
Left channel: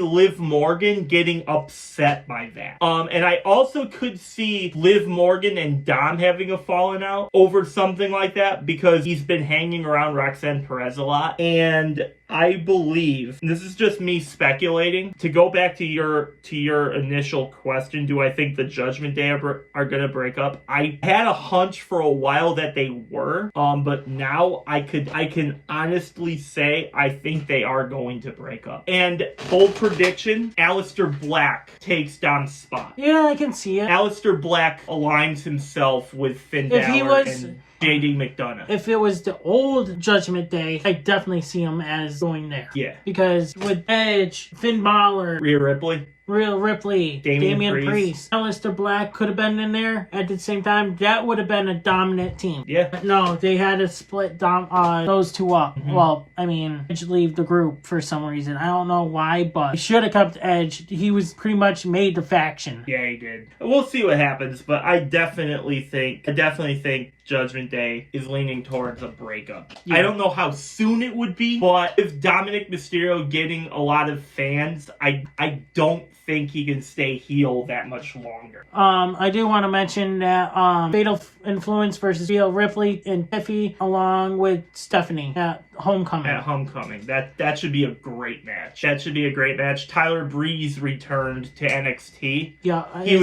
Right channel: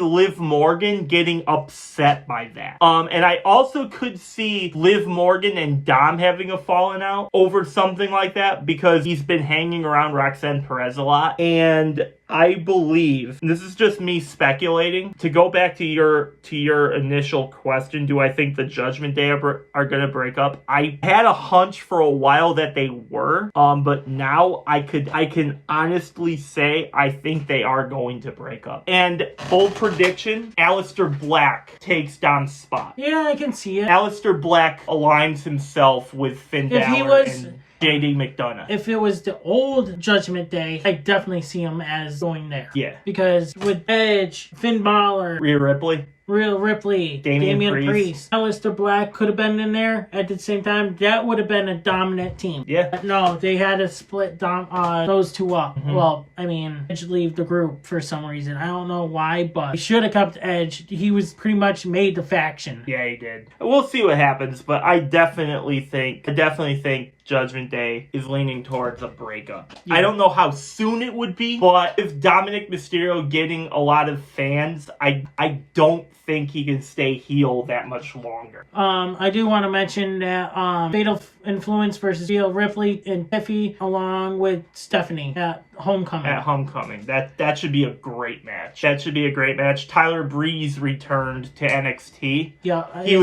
Liv Morgan getting upset by that. And I also could see Liv Morgan and Dom having a falling out over something like that, because he's been hanging around Roxanne Perez a lot. And I believe, this is just me speculating, to go back to your initial question, do I think the Judgment Day are going to break up? I had a hunch for a while that they were, but now I can honestly say I think they are going to break up. And bold prediction, Aleister Black takes Dom's spot. Yeah, I can see it. Aleister Black aligns himself with Finn Balor and JD McDonough. If it was the old Judgment Day, I definitely see him as going there. Yeah. Because with Edge, Finn Balor, Rhea Ripley, Damian Priest, Aleister Black could have been in there at the same time. That would have been a dominant team. Yeah. But no, they had to split those two up. Mm-hmm. Well, Edge leave the group for some reason. I don't know why, but he should have kept Edge. He was pretty much made the faction. Yeah, he did. We'll see what happens, but I definitely think Judgment Day is leaning towards a breakup. Yeah. I don't know how soon it would be, but if Dominic Mysterio getting a lot of fans, I don't think he can stay heel that much longer. I do want to mention that Fatal Influence versus Rhea Ripley and Tiffy along with Stephanie at Homecoming. That should be a great match. Tyler Breeze returned to NXT. Yeah. He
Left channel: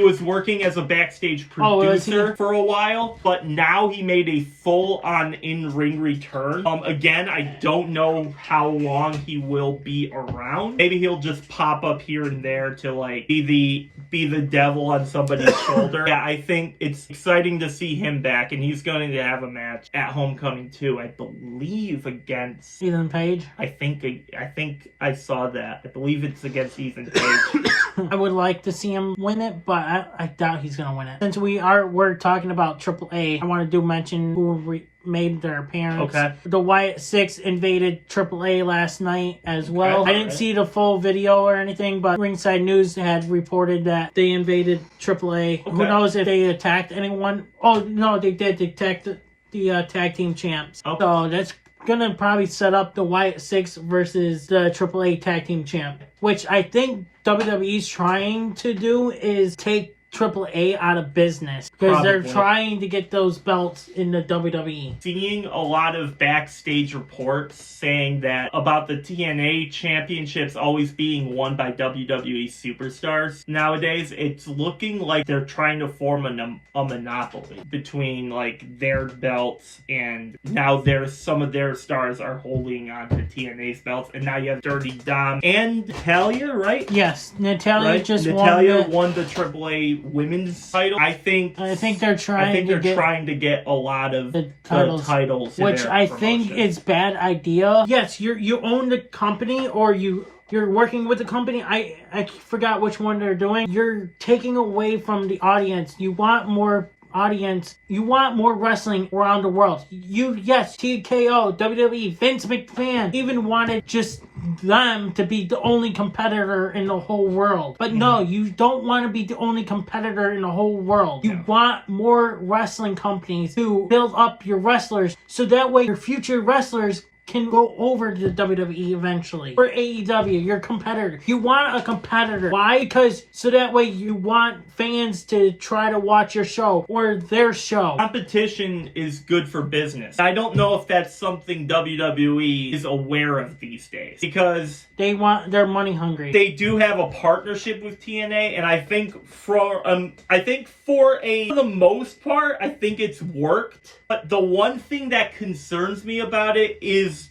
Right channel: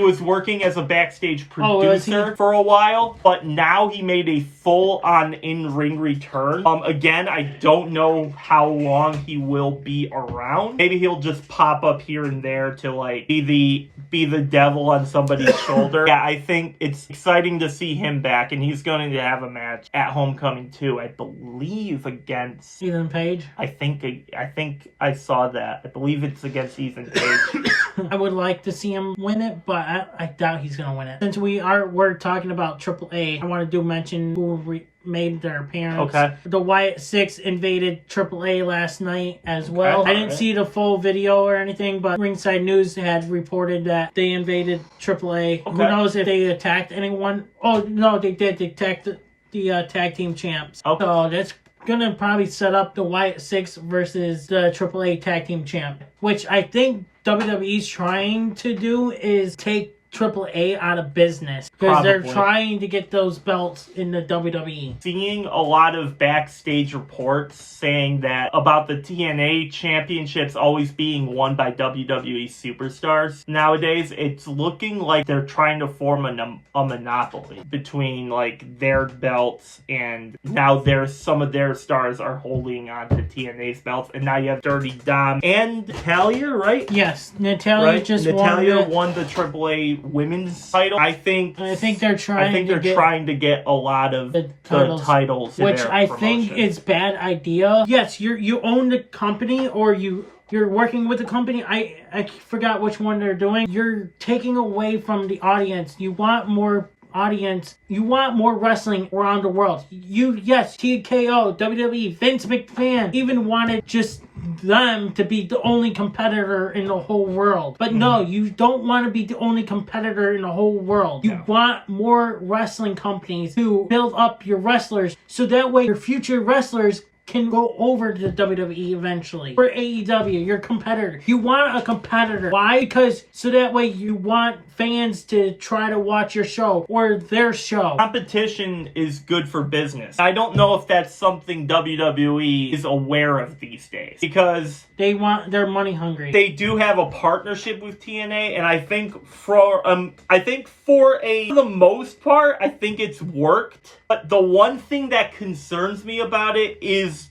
was working as a backstage producer for a while, but now he made a full-on in-ring return. Again, I don't know how long he will be around. Maybe he'll just pop up here and there to be the devil on somebody's shoulder. Yeah, I think it's exciting to see him back, and he's going to have a match at Homecoming too, I believe, against Ethan Page. I think I saw that. I believe it's against Ethan Page. I would like to see him win it, but I doubt he's gonna win it. Since we're talking about AAA, I want to mention who made their appearance. Okay. The Wyatt 6 invaded AAA last night as well. Okay. I didn't see the full video or anything, but Ringside News had reported that they invaded AAA. Okay. Who knows if they attacked anyone? Oh no, they did. They attacked the tag team champs. Okay. So that's gonna probably set up the Wyatt 6 versus the AAA tag team champ, which I think WWE's trying to do is take AAA out of business because they're trying to get those belts in the WWE. Seeing a lot of backstage reports saying that about the TNA championships always being won by WWE superstars. Nowadays, it's looking like they're trying to form a monopoly between like their belts, and now some of their stars are holding on to TNA's belts, and now you have Dirty Dom and Natalya, right? Yes, Natalya won the AAA women's title. I think they're trying to get a lot of the titles, which I think is bad idea. Yes, you own the company, or you're working with the company. I forgot which one they're doing. You're taking away from the audience. You want more audience. You want more wrestling around the world. TKO, WWE, Vince McMahon even wanted just them to be the only competitor in the whole world. But no, you don't want to be the only competitor in the whole world. You want more wrestling companies to build up your wrestlers so that way your future wrestlers can go over to the WWE eventually. For AEW, your competitor. You want a competitor. Why? Because so that way you want fans to try to watch your show or their show. Competition is good for business. I don't know if that's something WWE is aware of these days, because they're money hungry. They do have a partnership with TNA, and I think for the most part, I think it's worked. But the one thing that concerns me about it is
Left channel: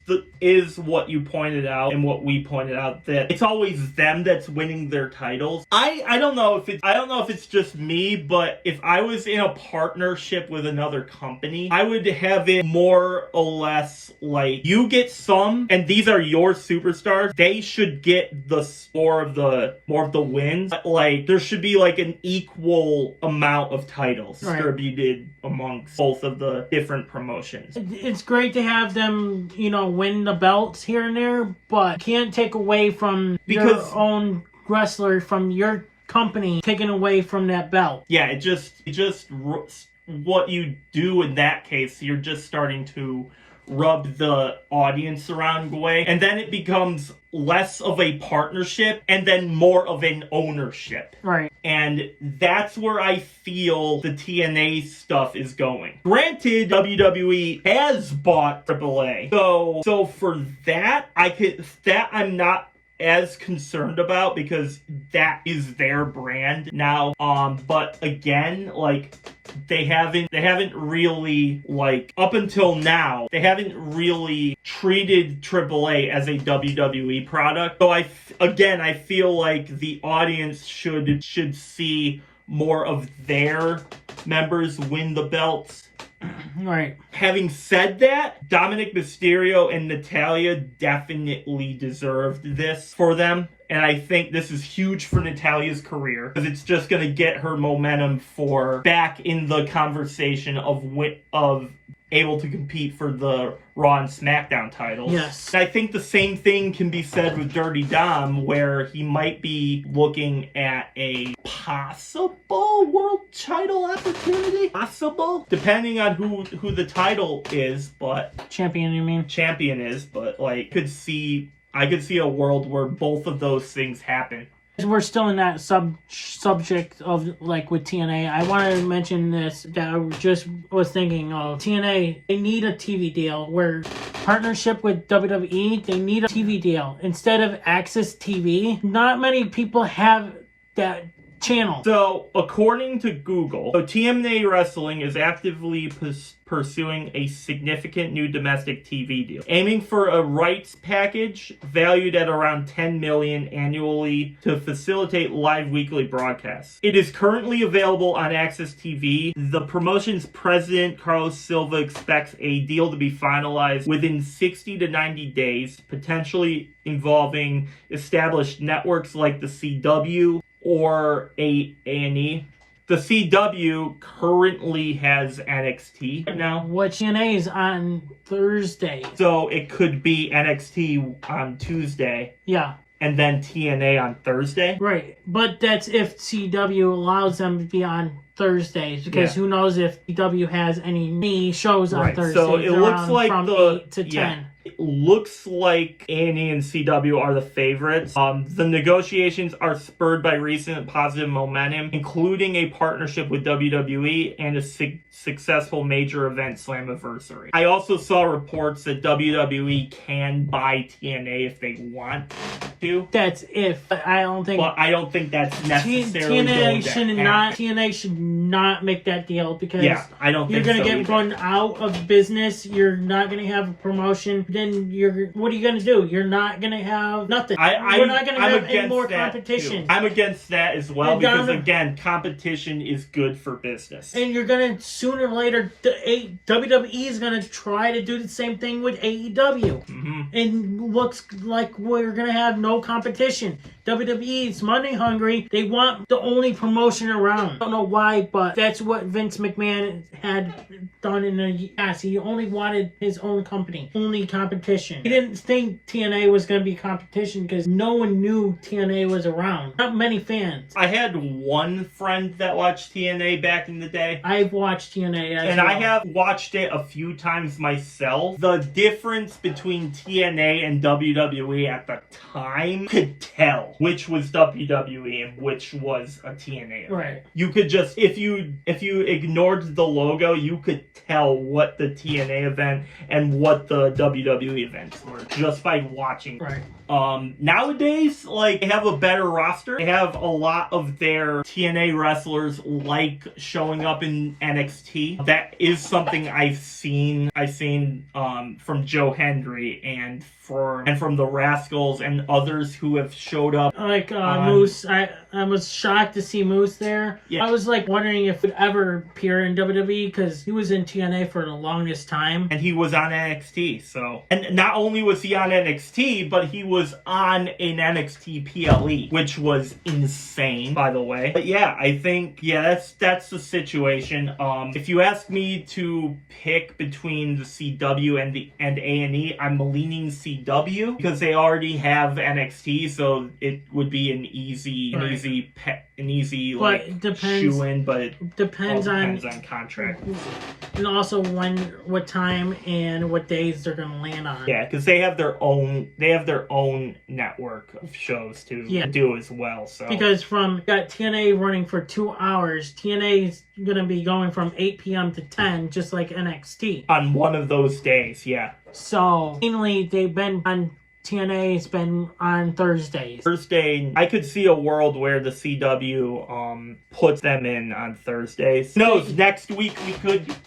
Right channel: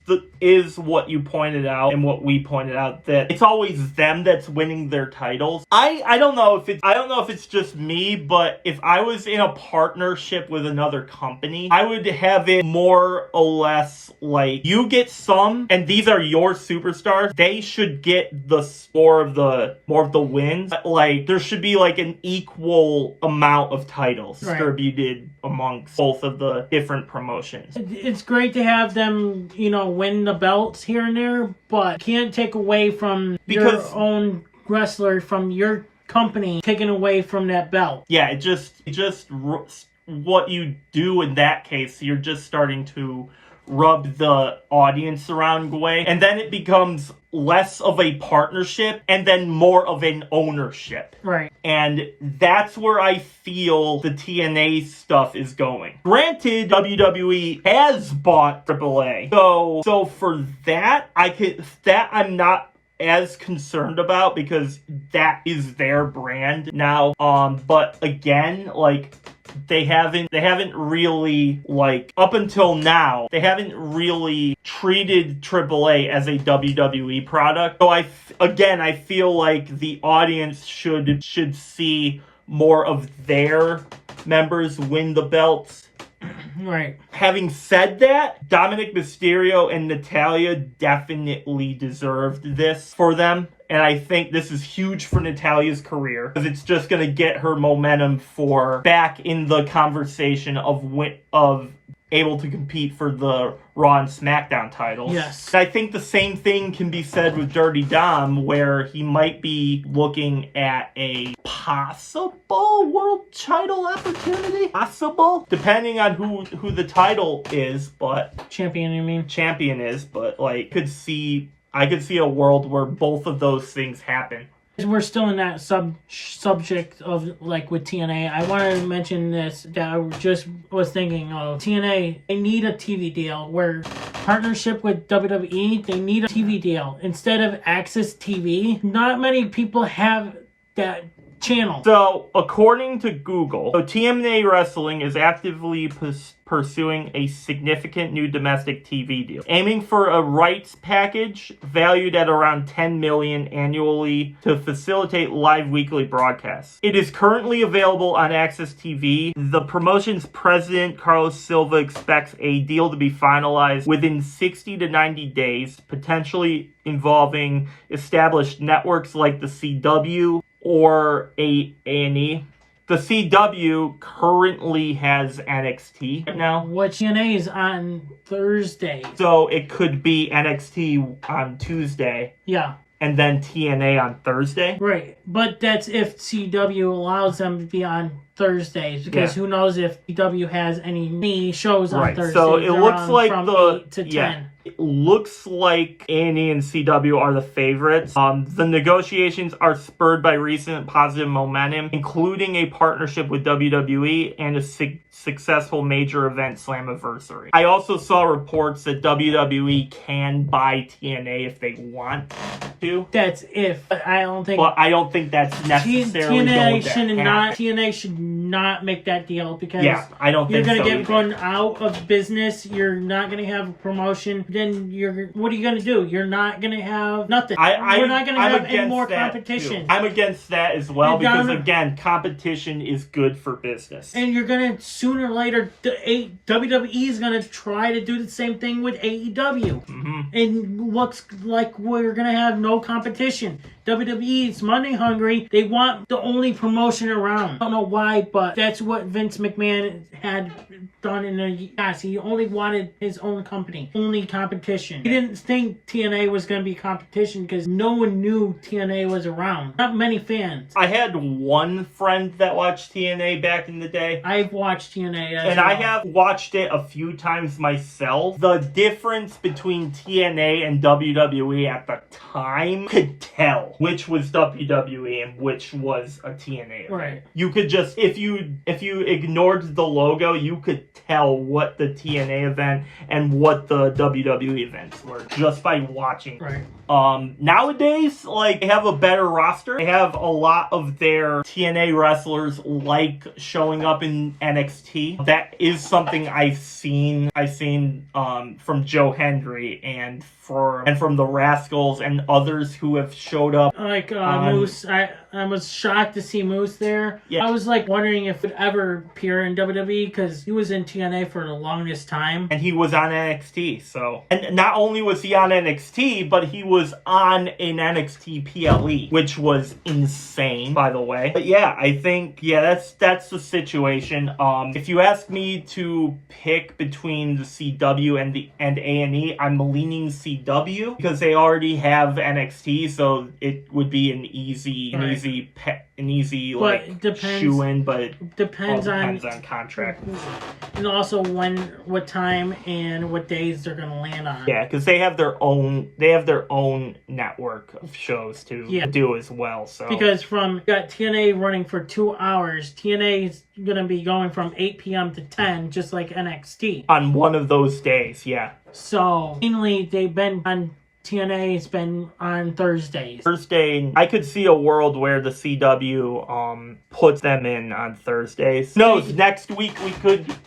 what you pointed out and what we pointed out, that it's always them that's winning their titles. I don't know if it's just me, but if I was in a partnership with another company, I would have it more or less like you get some, and these are your superstars. They should get more of the wins. Like there should be like an equal amount of titles distributed amongst both of the different promotions. It's great to have them, win the belts here and there, but can't take away from your own wrestler from your company taking away from that belt. Yeah, it just what you do in that case, you're just starting to rub the audience the wrong way, and then it becomes less of a partnership and then more of an ownership. Right. And that's where I feel the TNA stuff is going. Granted, WWE has bought AAA. So for that, I'm not as concerned about, because that is their brand now. But again, like they haven't really, like, up until now, they haven't really treated AAA as a WWE product. So I feel like the audience should see more of their members win the belts. Right. Having said that, Dominic Mysterio and Natalya definitely deserved this for them. And I think this is huge for Natalya's career, because it's just going to get her momentum for back in the conversation of able to compete for the Raw and SmackDown titles. Yes. I think the same thing can be said with Dirty Dom, where he might be looking at a possible world title opportunity. Possible, depending on who the title is, but champion. You mean champion is, but like I could see a world where both of those things happen. We're still in that subject of, like, with TNA. I wanted to mention this, that I just was thinking of. TNA, they need a TV deal, where partnership with WWE, they need a TV deal. Instead of Access TV, not many people have that channel. So, according to Google, TNA Wrestling is actively pursuing a significant new domestic TV deal, aiming for a rights package valued at around $10 million annually to facilitate live weekly broadcasts. It is currently available on Access TV. The promotion's president, Carlos Silva, expects a deal to be finalized within 60 to 90 days, potentially involving established networks like the CW, or A&E. The CW currently has NXT right now. What TNA is on Thursday. So it could be NXT on Tuesday. Yeah. And then TNA on Thursday. Right. But that's if CW allows them to be on Thursdays. Because who knows if CW has any shows on Thursdays. So it looks like from 8 to 10. It looks like A&E and CW are the favorites. The negotiations are spurred by recent positive momentum, including a partnership with WWE and a successful major event Slammiversary. I also saw reports that WWE can buy TNA if they want to. That's if. But I don't think. But I don't think that's necessarily TNA should not make that deal because I don't think you're going to so get run out of business. You're not going to have a promotion. Then what are you going to do? You're not going to have nothing. We're not going to have any more competition. I'm against that as well because, again, competition is good for business. And you're going to, sooner or later, WWE is going to try to do the same thing with AEW. Mm-hmm. And looks like we're going to have no competition. WWE is money hungry. They want the only promotion around. I don't know why, but that's what Vince McMahon had done in the past. He only wanted his own company, only competition. He didn't think TNA was going to be competition because no one knew TNA was around. Not many fans. I had one friend that watched TNA back in the day. I've watched TNA as well. I have watched it a few times myself. The difference between TNA and WWE at the time could tell which was WWE and which was a TNA event. Right. You could just, if you ignored the logo, you could tell what the TNA event and what the WWE events were just by watching. Right. Nowadays, they have a better roster. They have a lot of their TNA wrestlers showing up in NXT. That is something I've seen from Joe Hendry and from the Rascals and others who have showed up. Moose. I was shocked to see Moose there. Yeah. I was wondering if it would ever appear in WWE because he was in TNA for the longest time. And he was on NXT, so. And not only was he on NXT, but he was on an NXT PLE, which was insane, by the way. But yeah, I think, that's the situation. If you ask me to pick between the CW and A&E, I'm leaning CW because they already have NXT, so it would be an easy shoe-in, but it depends on contract. And also what time and what days they're gonna land on. Yeah, because they have their own network of shows to do as well. So because got TNA running for 2 hours, TNA is gonna be going from 8 p.m. to 10, just like NXT. On one of those days, yeah. So mainly they've been on TNA has been on Thursdays. I could see a world where the CW puts them in on Thursdays. No, next week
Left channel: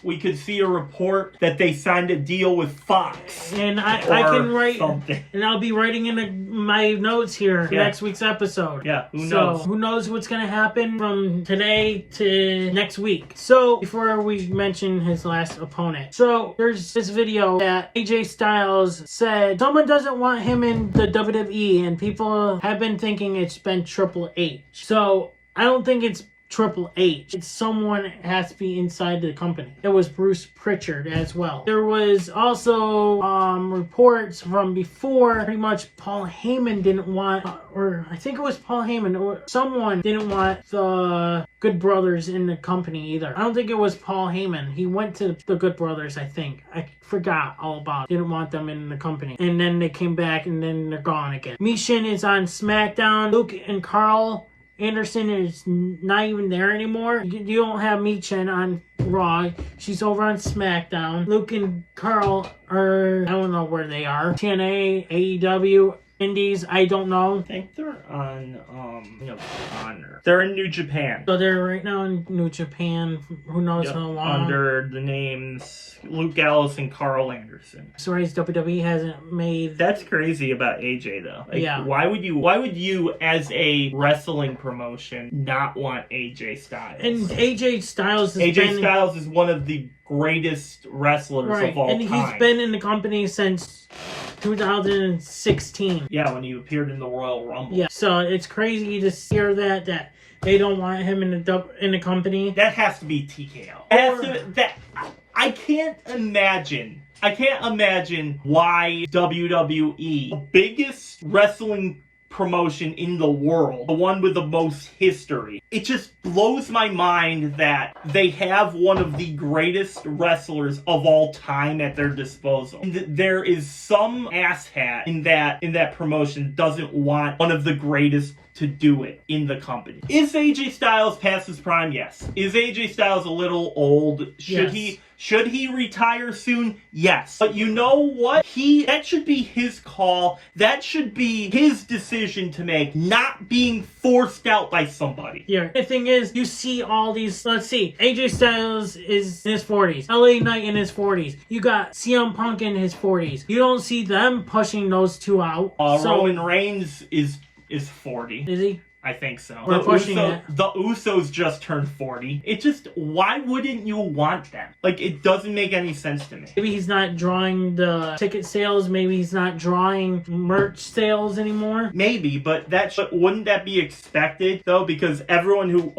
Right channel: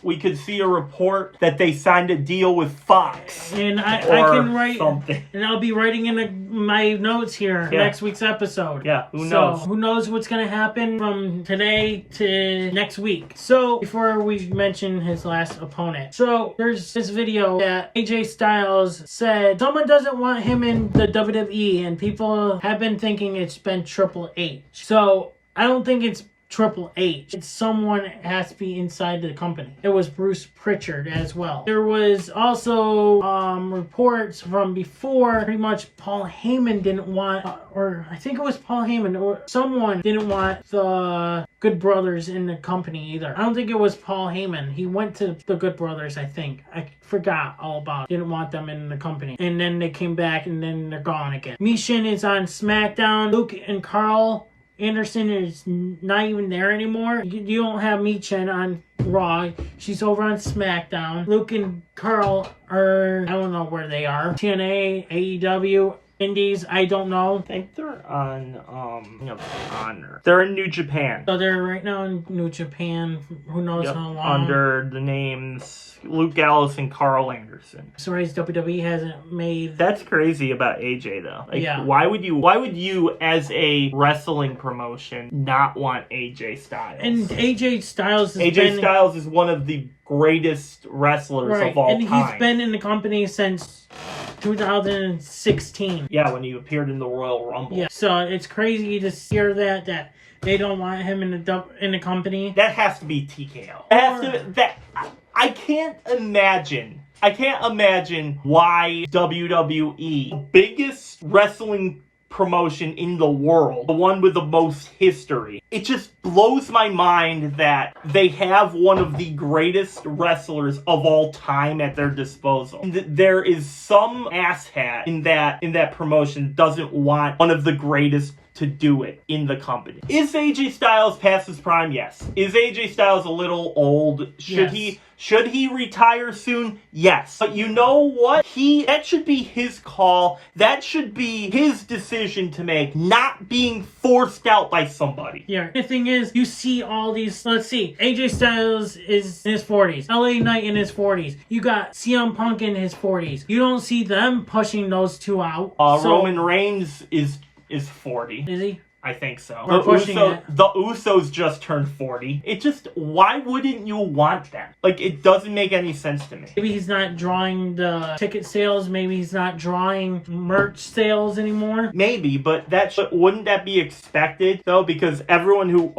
we could see a report that they signed a deal with Fox. And I can write something. And I'll be writing in my notes here next week's episode. Yeah, who knows? Who knows what's going to happen from today to next week. So before we mention his last opponent. So there's this video that AJ Styles said someone doesn't want him in the WWE, and people have been thinking it's been Triple H. So I don't think it's Triple H. It's someone has to be inside the company. It was Bruce Pritchard as well. There was also reports from before, pretty much Paul Heyman didn't want, or I think it was Paul Heyman, or someone didn't want the Good Brothers in the company either. I don't think it was Paul Heyman. He went to the Good Brothers, I think. I forgot all about it. Didn't want them in the company. And then they came back and then they're gone again. Michin is on SmackDown. Luke and Carl Anderson is not even there anymore. You don't have Michin on Raw. She's over on SmackDown. Luke and Carl are, I don't know where they are. TNA, AEW, Indies, I don't know. I think they're on Honor. They're in New Japan. So they're right now in New Japan. Who knows how long? Under the names Luke Gallows and Carl Anderson. Sorry, WWE hasn't made. That's crazy about AJ though. Why would you as a wrestling promotion not want AJ Styles? And AJ Styles Styles is one of the greatest wrestlers of all time. And he's been in the company since 2016. Yeah, when he appeared in the Royal Rumble. Yeah, so it's crazy to hear that they don't want him in the company. That has to be TKO. I can't imagine why WWE, the biggest wrestling promotion in the world, the one with the most history, it just blows my mind that they have one of the greatest wrestlers of all time at their disposal. There is some asshat in that promotion doesn't want one of the greatest to do it in the company. Is AJ Styles past his prime? Yes. Is AJ Styles a little old? Should he retire soon? Yes. But you know what? That should be his call. That should be his decision to make, not being forced out by somebody. Yeah. The thing is, you see all these, let's see, AJ Styles is in his 40s. LA Knight in his 40s. You got CM Punk in his 40s. You don't see them pushing those two out. Roman Reigns is 40. Is he? I think so. We're pushing it. The Usos just turned 40. It just, why wouldn't you want them? Like, it doesn't make any sense to me. Maybe he's not drawing the ticket sales. Maybe he's not drawing merch sales anymore. Maybe, but wouldn't that be expected though? Because everyone who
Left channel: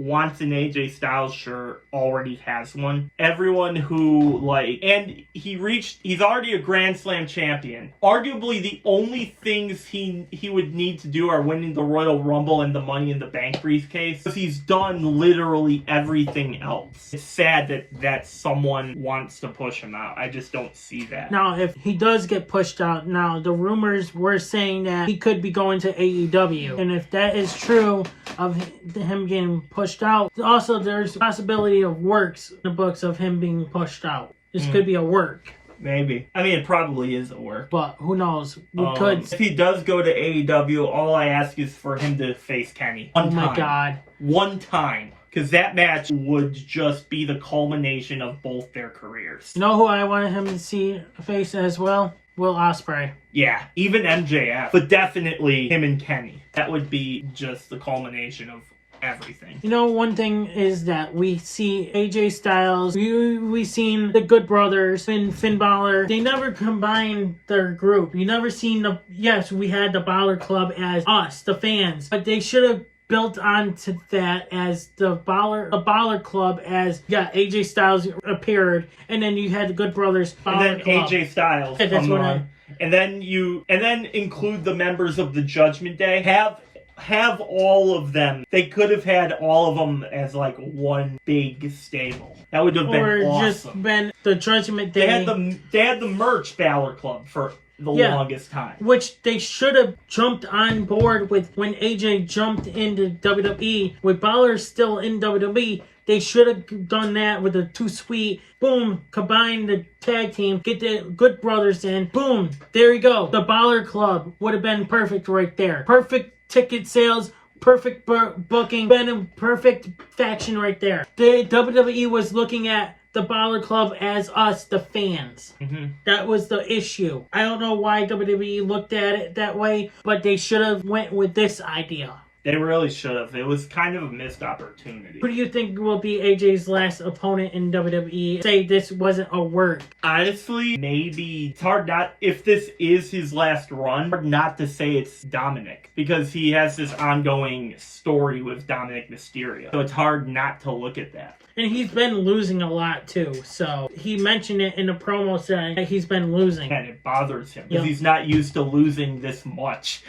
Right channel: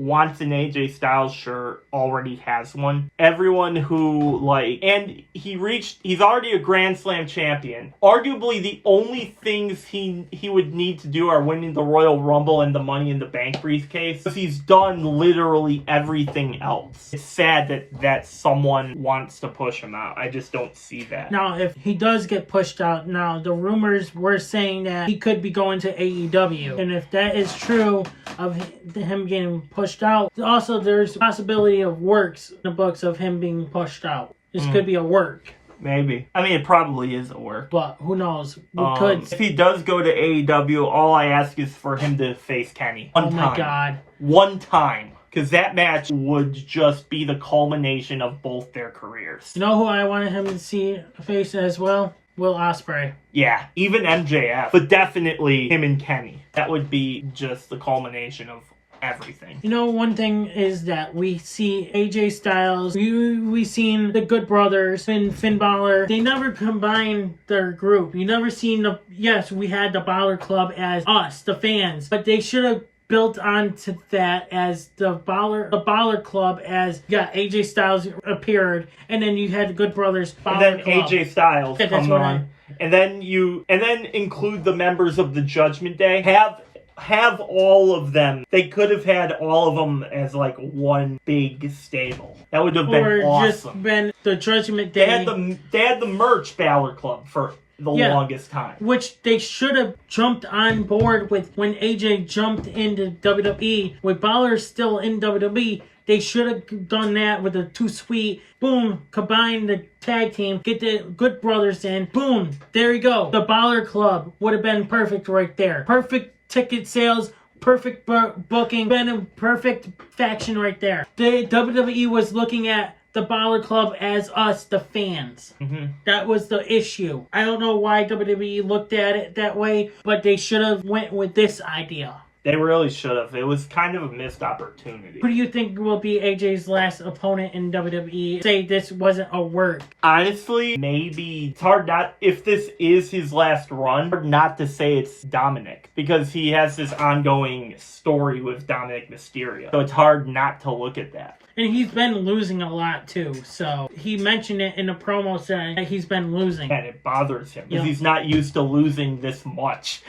wants an AJ Styles shirt already has one. Everyone who and he's already a Grand Slam champion. Arguably the only things he would need to do are winning the Royal Rumble and the Money in the Bank briefcase. Because he's done literally everything else. It's sad that someone wants to push him out. I just don't see that. Now, if he does get pushed out, now the rumors were saying that he could be going to AEW. And if that is true of him getting pushed out, also there's a possibility of works in the books of him being pushed out. This could be a work. Maybe. I mean, it probably is a work. But who knows? We could. If he does go to AEW, all I ask is for him to face Kenny. One time. Oh my God. One time. Because that match would just be the culmination of both their careers. You know who I wanted him to see face as well? Will Ospreay. Yeah, even MJF. But definitely him and Kenny. That would be just the culmination of everything. You know, one thing is that we see AJ Styles, we've seen the Good Brothers and Finn Balor. They never combined their group. You never seen yes, we had the Balor Club as us, the fans, but they should have built onto that as the Balor Club, as AJ Styles appeared, and then you had the Good Brothers Balor and then Club. AJ Styles come on. And then include the members of the Judgment Day. Have all of them. They could have had all of them as one big stable. That would have been awesome. Or just been the Judgment Day. They had the merch Balor Club for the longest time. Which they should have jumped on board with when AJ jumped into WWE. With Balor still in WWE, they should have done that with the Too Sweet. Boom, combine the tag team, get the Good Brothers in. Boom, there you go. The Balor Club would have been perfect right there. Perfect ticket sales, perfect booking, been a perfect faction right there. The WWE was looking at the Balor Club as us, the fans. That was the issue. I don't know why WWE looked at it that way, but they should have went with this idea. They really should have. It was kind of a missed opportunity. Who do you think will be AJ's last opponent in WWE? Say this wasn't a work. Honestly, maybe it's hard not, if this is his last run, hard not to say it's Dominic, because he has this ongoing story with Dominic Mysterio. So it's hard not to look at that. And he's been losing a lot too, so he mentioned it in the promo saying that he's been losing. And it bothers him, because he's not used to losing this much.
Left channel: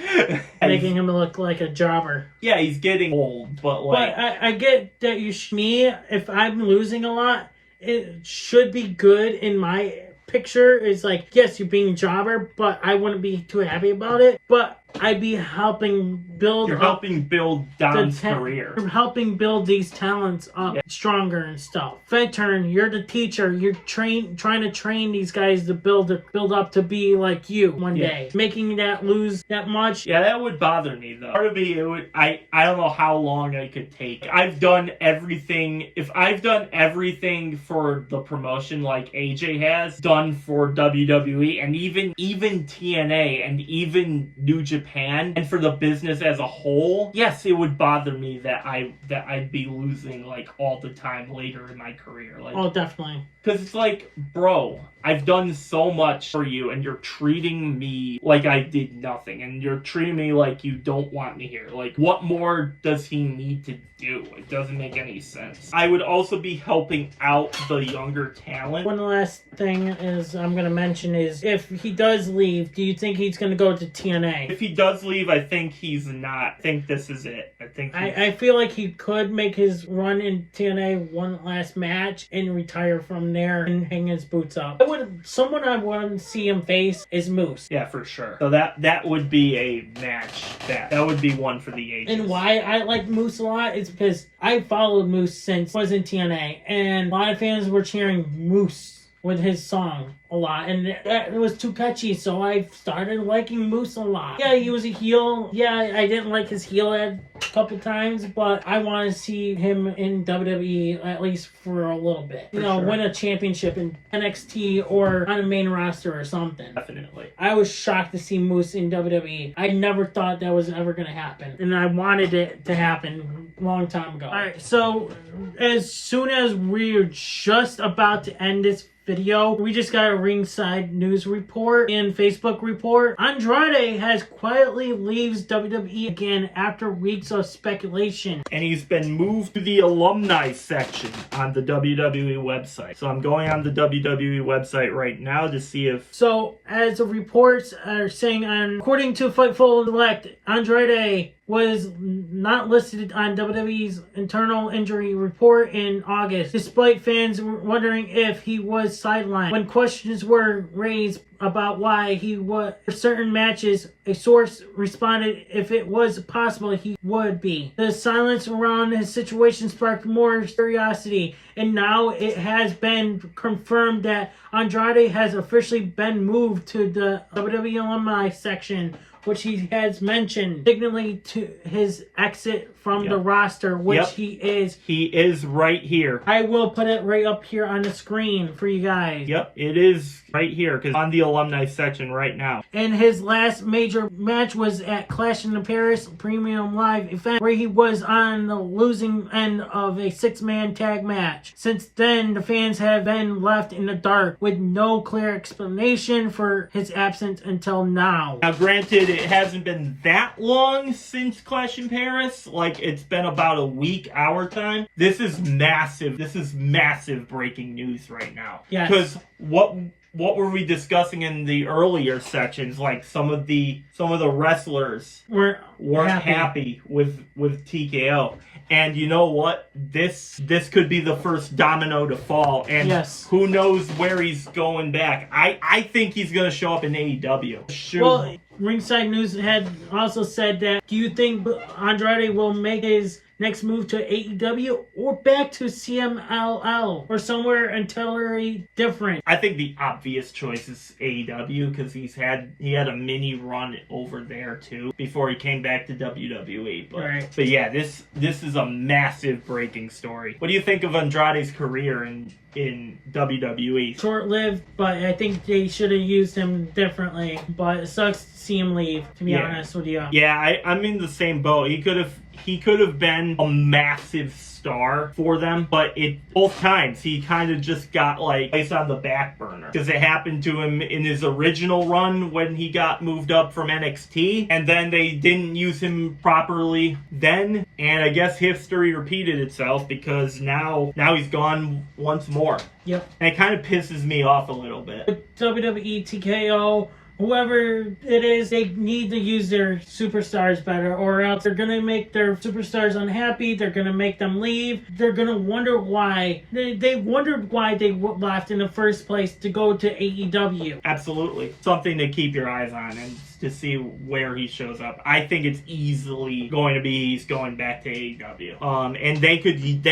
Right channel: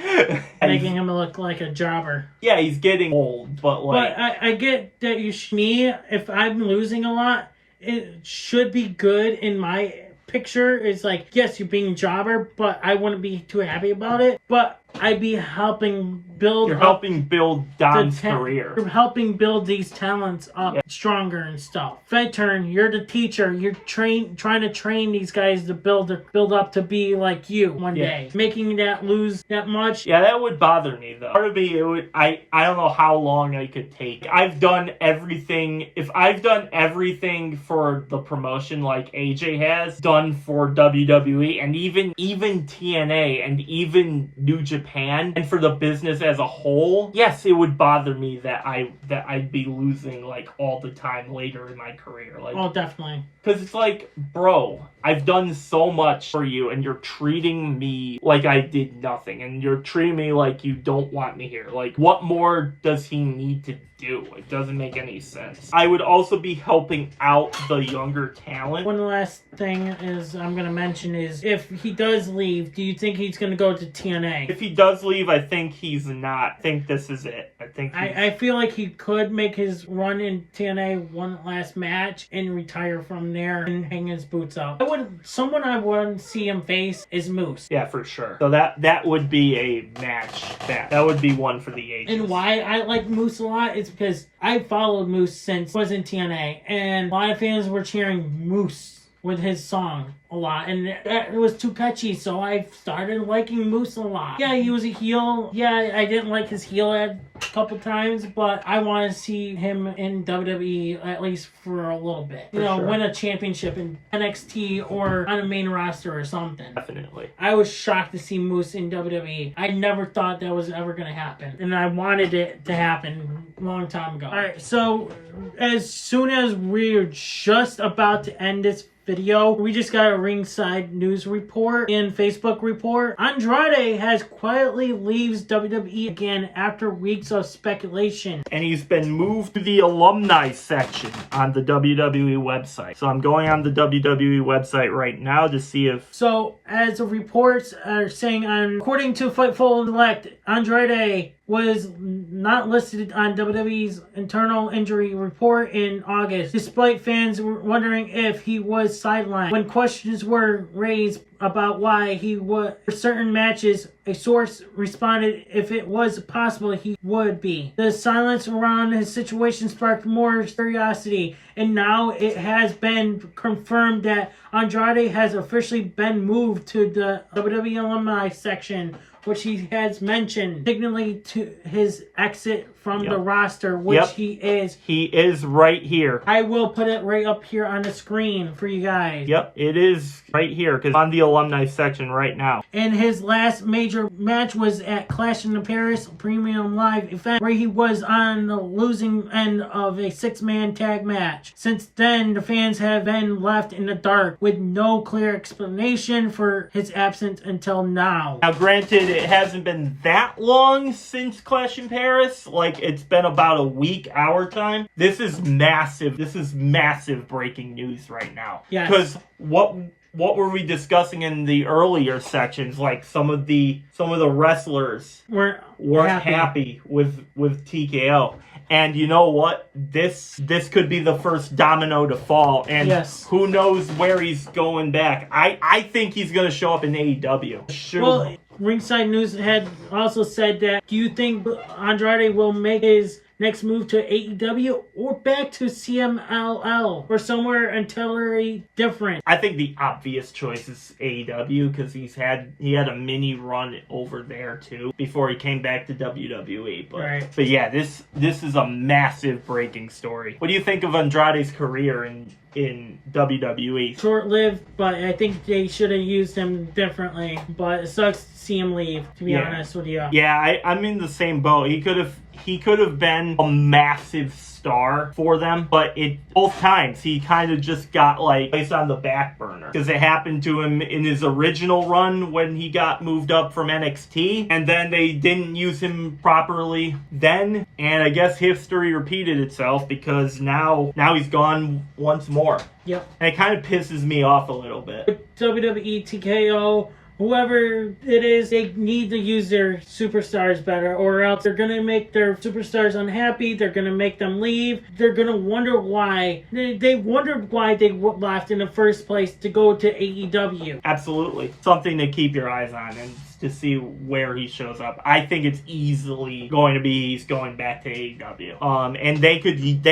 Making him look like a jobber. Yeah, he's getting old, but But I get that me, if I'm losing a lot, it should be good in my picture. It's yes, you're being jobber, but I wouldn't be too happy about it. But I'd be helping build. You're helping build Dom's career. You're helping build these talents up stronger and stuff. Fed turn, you're the teacher. You're trying to train these guys to build up to be like you one day. Making that lose that much. Yeah, that would bother me though. Part of me, it would. I don't know how long I could take. I've done everything. If I've done everything for the promotion like AJ has done for WWE, and even TNA and even New Japan Japan and for the business as a whole, yes, it would bother me that I'd be losing like all the time later in my career. Like, oh, definitely. Because it's like, bro, I've done so much for you, and you're treating me like I did nothing, and you're treating me like you don't want me here. Like, what more does he need to do? It doesn't make any sense. I would also be helping out the younger talent. One last thing is I'm going to mention is if he does leave, do you think he's going to go to TNA? If he does leave, I think he's not. I think this is it. I feel like he could make his run in TNA one last match and retire from there and hang his boots up. Someone I want to see him face is Moose. Yeah, for sure. So that would be a match. That would be one for the ages. And why I like Moose a lot is because I followed Moose since I was in TNA, and a lot of fans were cheering Moose with his song a lot, and that was too catchy, so I started liking Moose a lot. Yeah, he was a heel. Yeah, I didn't like his heel ad a couple times, but I want to see him in WWE at least for a little bit. You know, sure. Win a championship in NXT or on a main roster or something. Definitely. I was shocked to see Moose in WWE. I never thought that was ever going to happen, and I wanted it to happen a long time ago. All right, so as soon as we're just about to end this video, we just got a ringside news report and Facebook report. Andrade has quietly leaves WWE again after weeks of speculation. And he's been moved to the alumni section on the WWE website. So I'm going on the WWE website right now to see if... So, as the reports are saying, according to Fightful Select, Andrade was not listed on WWE's internal injury report in August, despite fans wondering if he was sidelined. When questions were raised about why he was for certain matches, a source responded if it was possible he would be. The silence around his situation sparked more curiosity, and now it has been confirmed that Andrade has officially been moved to the WWE alumni section, which he has mentioned, signaling to his exit from the roster, which he is. He is right here. I will put it right up here on the screen for you guys. Yep, it is right here, because on the alumni section right now. And his last major match was at Clash in Paris Premium Live event, where he was on the losing end of a 6-man tag match. Since then, the fans have been left in the dark with no clear explanation for his absence until now. Now, granted, it hasn't been that long since Clash in Paris. Like, it's been about a week our time. This is massive. This is massive breaking news right now. Yes. Because what were we discussing in the earlier sections? Like some of the wrestlers weren't happy with TKO. And you know what? This could be the first domino to fall. And who knows where he's going back. I think he's going to show up in AEW. Sure. Well, Ringside News had also said that, do you think Andrade will make his next move to AEW or back to CMLL or somewhere entirely different? I think the obvious choice is AEW, because he had a mini run over there too before he came back to WWE. But yeah, this is a massive breaking story. What do you think of Andrade's career in WWE? Short-lived, but I think they should have used him differently. But it sucks to see him leave, to be honest with you. Yeah, I'm in the same boat. He could have been a massive star for them, but both times he kind of just got like placed on the back burner, because it happened to him in his original run when he got moved up from NXT, and then they didn't use him properly then, and I guess history repeated itself, because now he's gone once more. Yep. And it kind of pisses me off a little bit. With WWE, TKO, whoever it is, they need to use their superstars better, or else they're going to make their superstars unhappy. They're going to make them leave. They're going to wonder why. They wondered why they left in the first place to go to AEW. Absolutely. Something to keep your eyes on and to see where he shows up. I think it's easily going to be he's going back to AEW. And they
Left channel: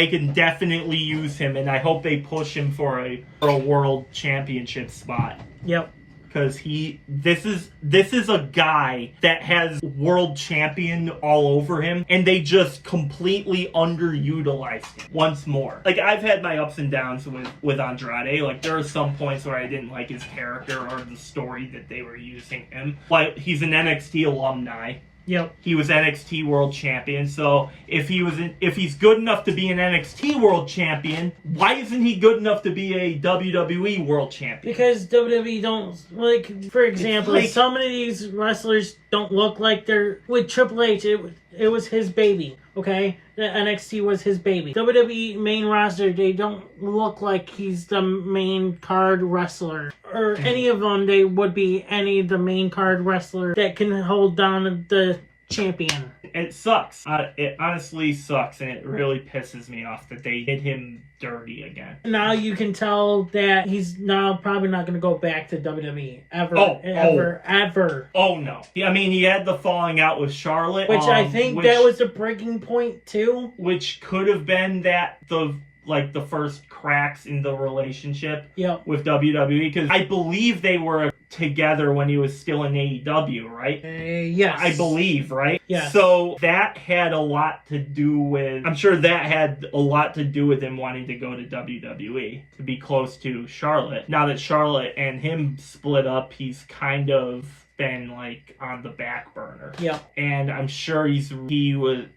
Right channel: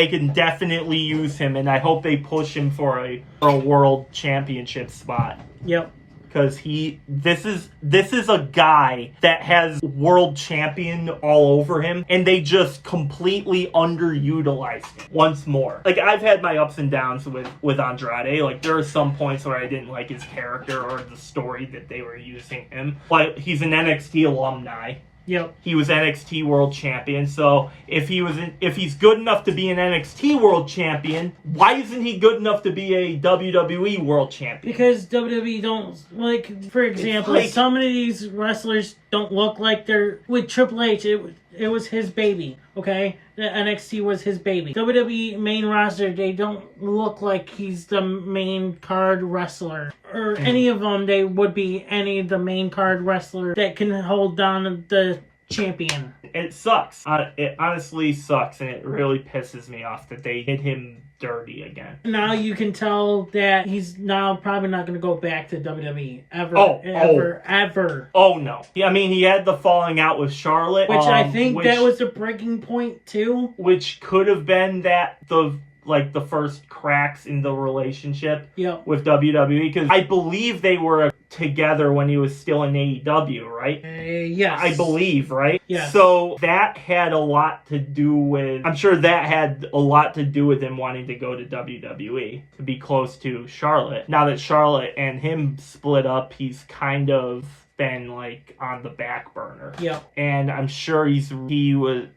could definitely use him, and I hope they push him for a world championship spot. Yep. because this is a guy that has world champion all over him, and they just completely underutilized him once more. Like, I've had my ups and downs with Andrade. Like, there are some points where I didn't like his character or the story that they were using him. Like, he's an NXT alumni. Yep. He was NXT World Champion, so if he's good enough to be an NXT World Champion, why isn't he good enough to be a WWE World Champion? Because WWE don't, like, for example, some of these wrestlers don't look like they're, with Triple H, it was his baby, okay? The NXT was his baby. WWE main roster, they don't look like he's the main card wrestler. Or any of them, they would be any of the main card wrestler that can hold down the champion. It sucks. It honestly sucks, and it really pisses me off that they hit him dirty again. Now you can tell that he's now probably not going to go back to WWE ever. Ever. Oh no. I mean, he had the falling out with Charlotte, which I think that was the breaking point too. Which could have been the first cracks in the relationship with WWE, because I believe they were together when he was still in AEW, right? Yes. I believe, right? Yes. So that had a lot to do with, I'm sure that had a lot to do with him wanting to go to WWE, to be close to Charlotte. Now that Charlotte and him split up, he's kind of been like on the back burner. Yep. And I'm sure and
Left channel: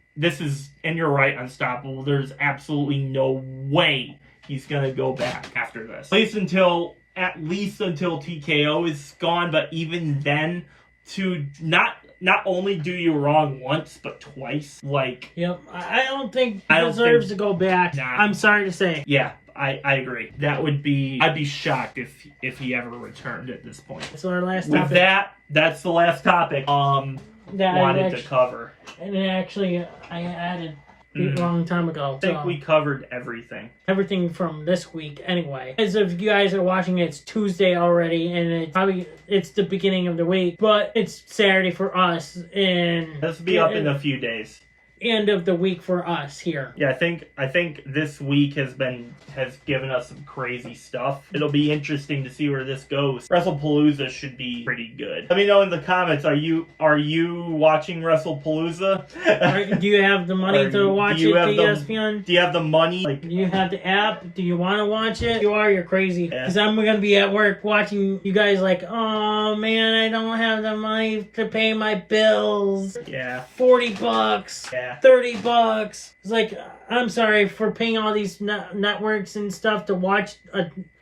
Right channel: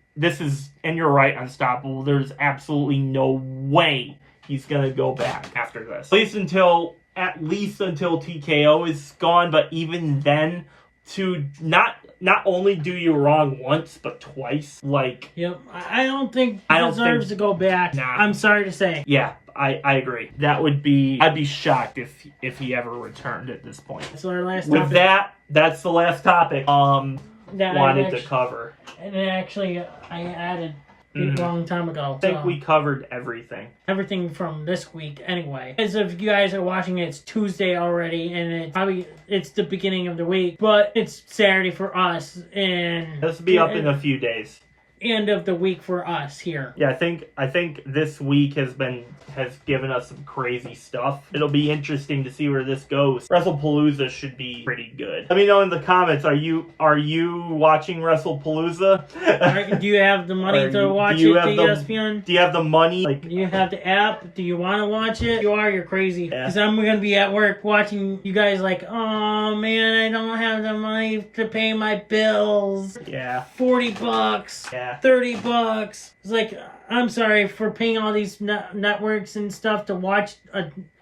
you're right, Unstoppable. There's absolutely no way he's going to go back after this. At least until TKO is gone, but even then, to not only do you wrong once, but twice. Like, yep. I don't think he deserves to go back. Nah. I'm sorry to say. Yeah, I agree. I'd be shocked if he ever returned at this point. So our last topic. With that's the last topic wanted to cover. And then actually, I added a long time ago. I think we covered everything. Everything from this week, anyway. As if you guys are watching it, it's Tuesday already, and it's the beginning of the week, but it's Saturday for us, and this will be up in a few days. End of the week for us here. Yeah, I think this week has given us some crazy stuff. It'll be interesting to see where this goes. WrestlePalooza should be pretty good. Let me know in the comments, are you watching WrestlePalooza? Do you have the money to watch it to ESPN? Do you have the money? Do you have the app? Do you want to watch it? If you are, you're crazy. Because I'm going to be at work watching you guys like, oh man, I don't have the money to pay my bills. Yeah. $40. Yeah. $30. It's like, I'm sorry for paying all these networks and stuff to watch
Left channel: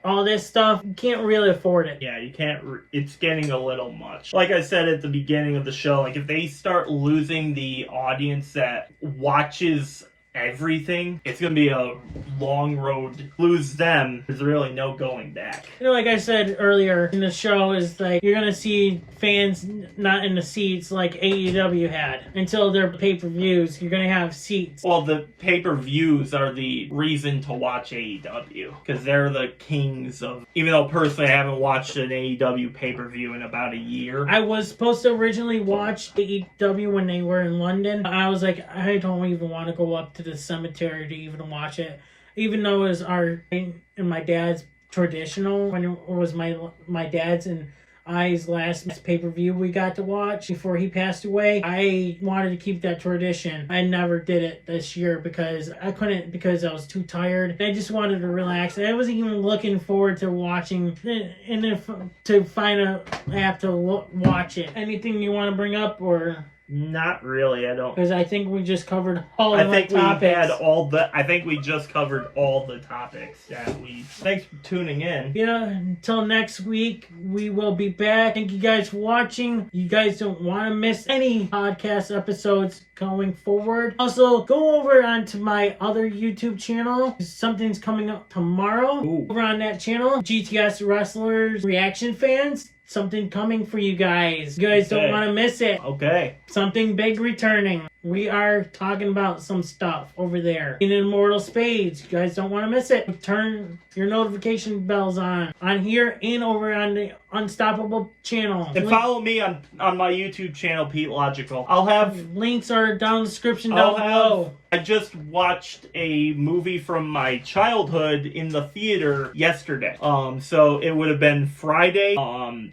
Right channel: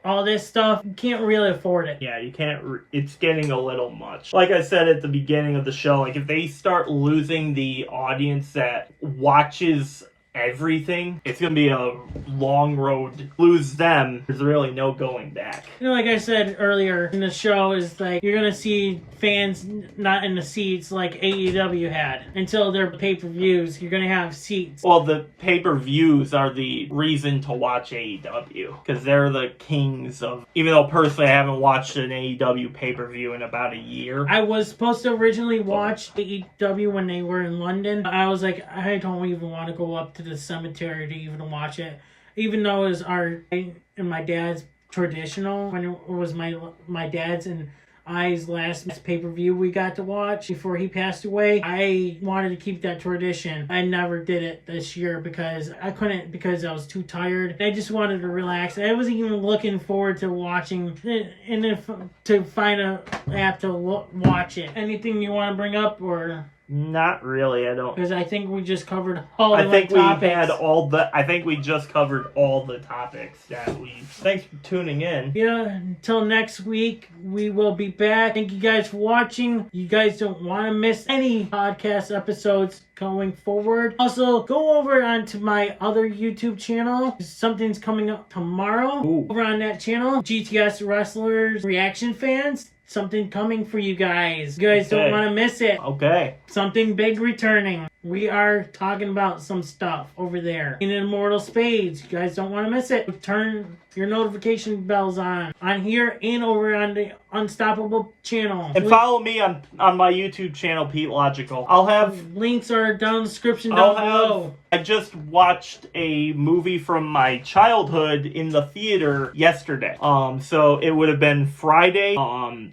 all this stuff. You can't really afford it. Yeah, you can't. It's getting a little much. Like I said at the beginning of the show, like if they start losing the audience that watches everything, it's gonna be a long road. Lose them, there's really no going back. Like I said earlier in the show, is like you're gonna see fans not in the seats like AEW had until their pay-per-views. You're gonna have seats. Well, the pay-per-views are the reason to watch AEW because they're the kings of. Even though personally I haven't watched an AEW pay-per-view in about a year. I was supposed to originally watch AEW when they were in London. I was like, I don't even want to go up to the cemetery to even watch it, even though it was our and my dad's traditional, when it was my dad's and I's last pay-per-view we got to watch before he passed away. I wanted to keep that tradition. I never did it this year because I couldn't, because I was too tired. I just wanted to relax. I wasn't even looking forward to watching and to find an app to watch it. Anything you want to bring up or? Not really, I don't. Because I think we just covered all the topics. I think we just covered all the topics that we. Thanks for tuning in. Yeah, until next week, we will be back. Thank you guys for watching. You guys don't want to miss any podcast episodes going forward. Also, go over onto my other YouTube channel. Something's coming up tomorrow. Ooh. Over on that channel, GTS Wrestlers Reaction Fans. Something coming for you guys. You guys don't want to miss it. Okay. Something big returning. We are talking about some stuff over there in Immortal Spades. You guys don't want to miss it. Turn your notification bells on here and over on the Unstoppable channel. And follow me on my YouTube channel, Pete Logical. I'll have links are down in the description down below. I just watched a movie from my childhood in the theater yesterday. So it would have been Friday.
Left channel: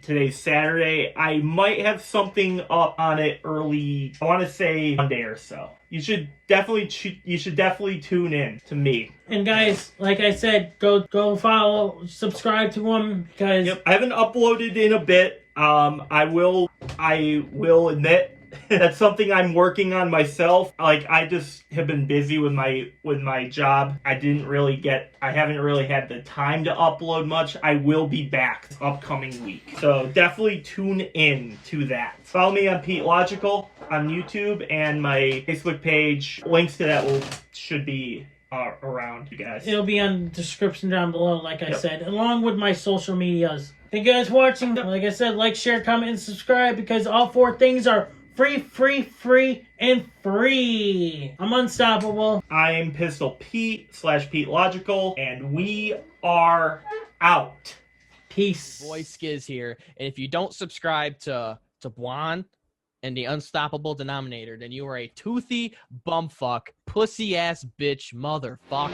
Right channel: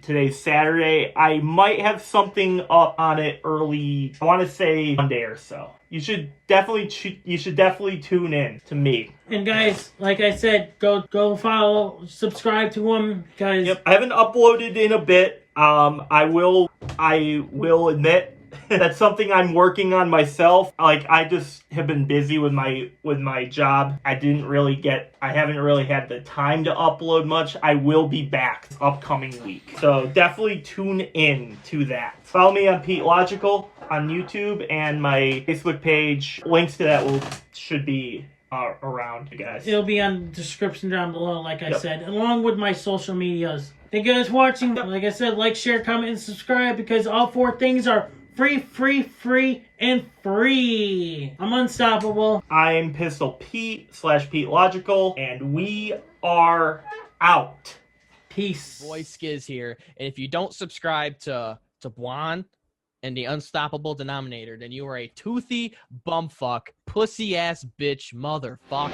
Today's Saturday. I might have something up on it early. I want to say Monday or so. You should definitely tune in to me. And guys, like I said, go follow, subscribe to him, guys. Yep, I haven't uploaded in a bit. I will admit that's something I'm working on myself. Like, I just have been busy with my job. I haven't really had the time to upload much. I will be back this upcoming week. So definitely tune in to that. Follow me on Pete Logical on YouTube and my Facebook page. Links to that should be around, you guys. It'll be on the description down below, like I said, along with my social medias. Thank you guys for watching. Like I said, like, share, comment, and subscribe, because all 4 things are free, and free. I'm Unstoppable. I'm Pistol Pete / Pete Logical, and we are out. Peace. Boy Skiz here, and if you don't subscribe to Blonde and the Unstoppable Denominator, then you are a toothy bumfuck, pussy ass bitch motherfucker.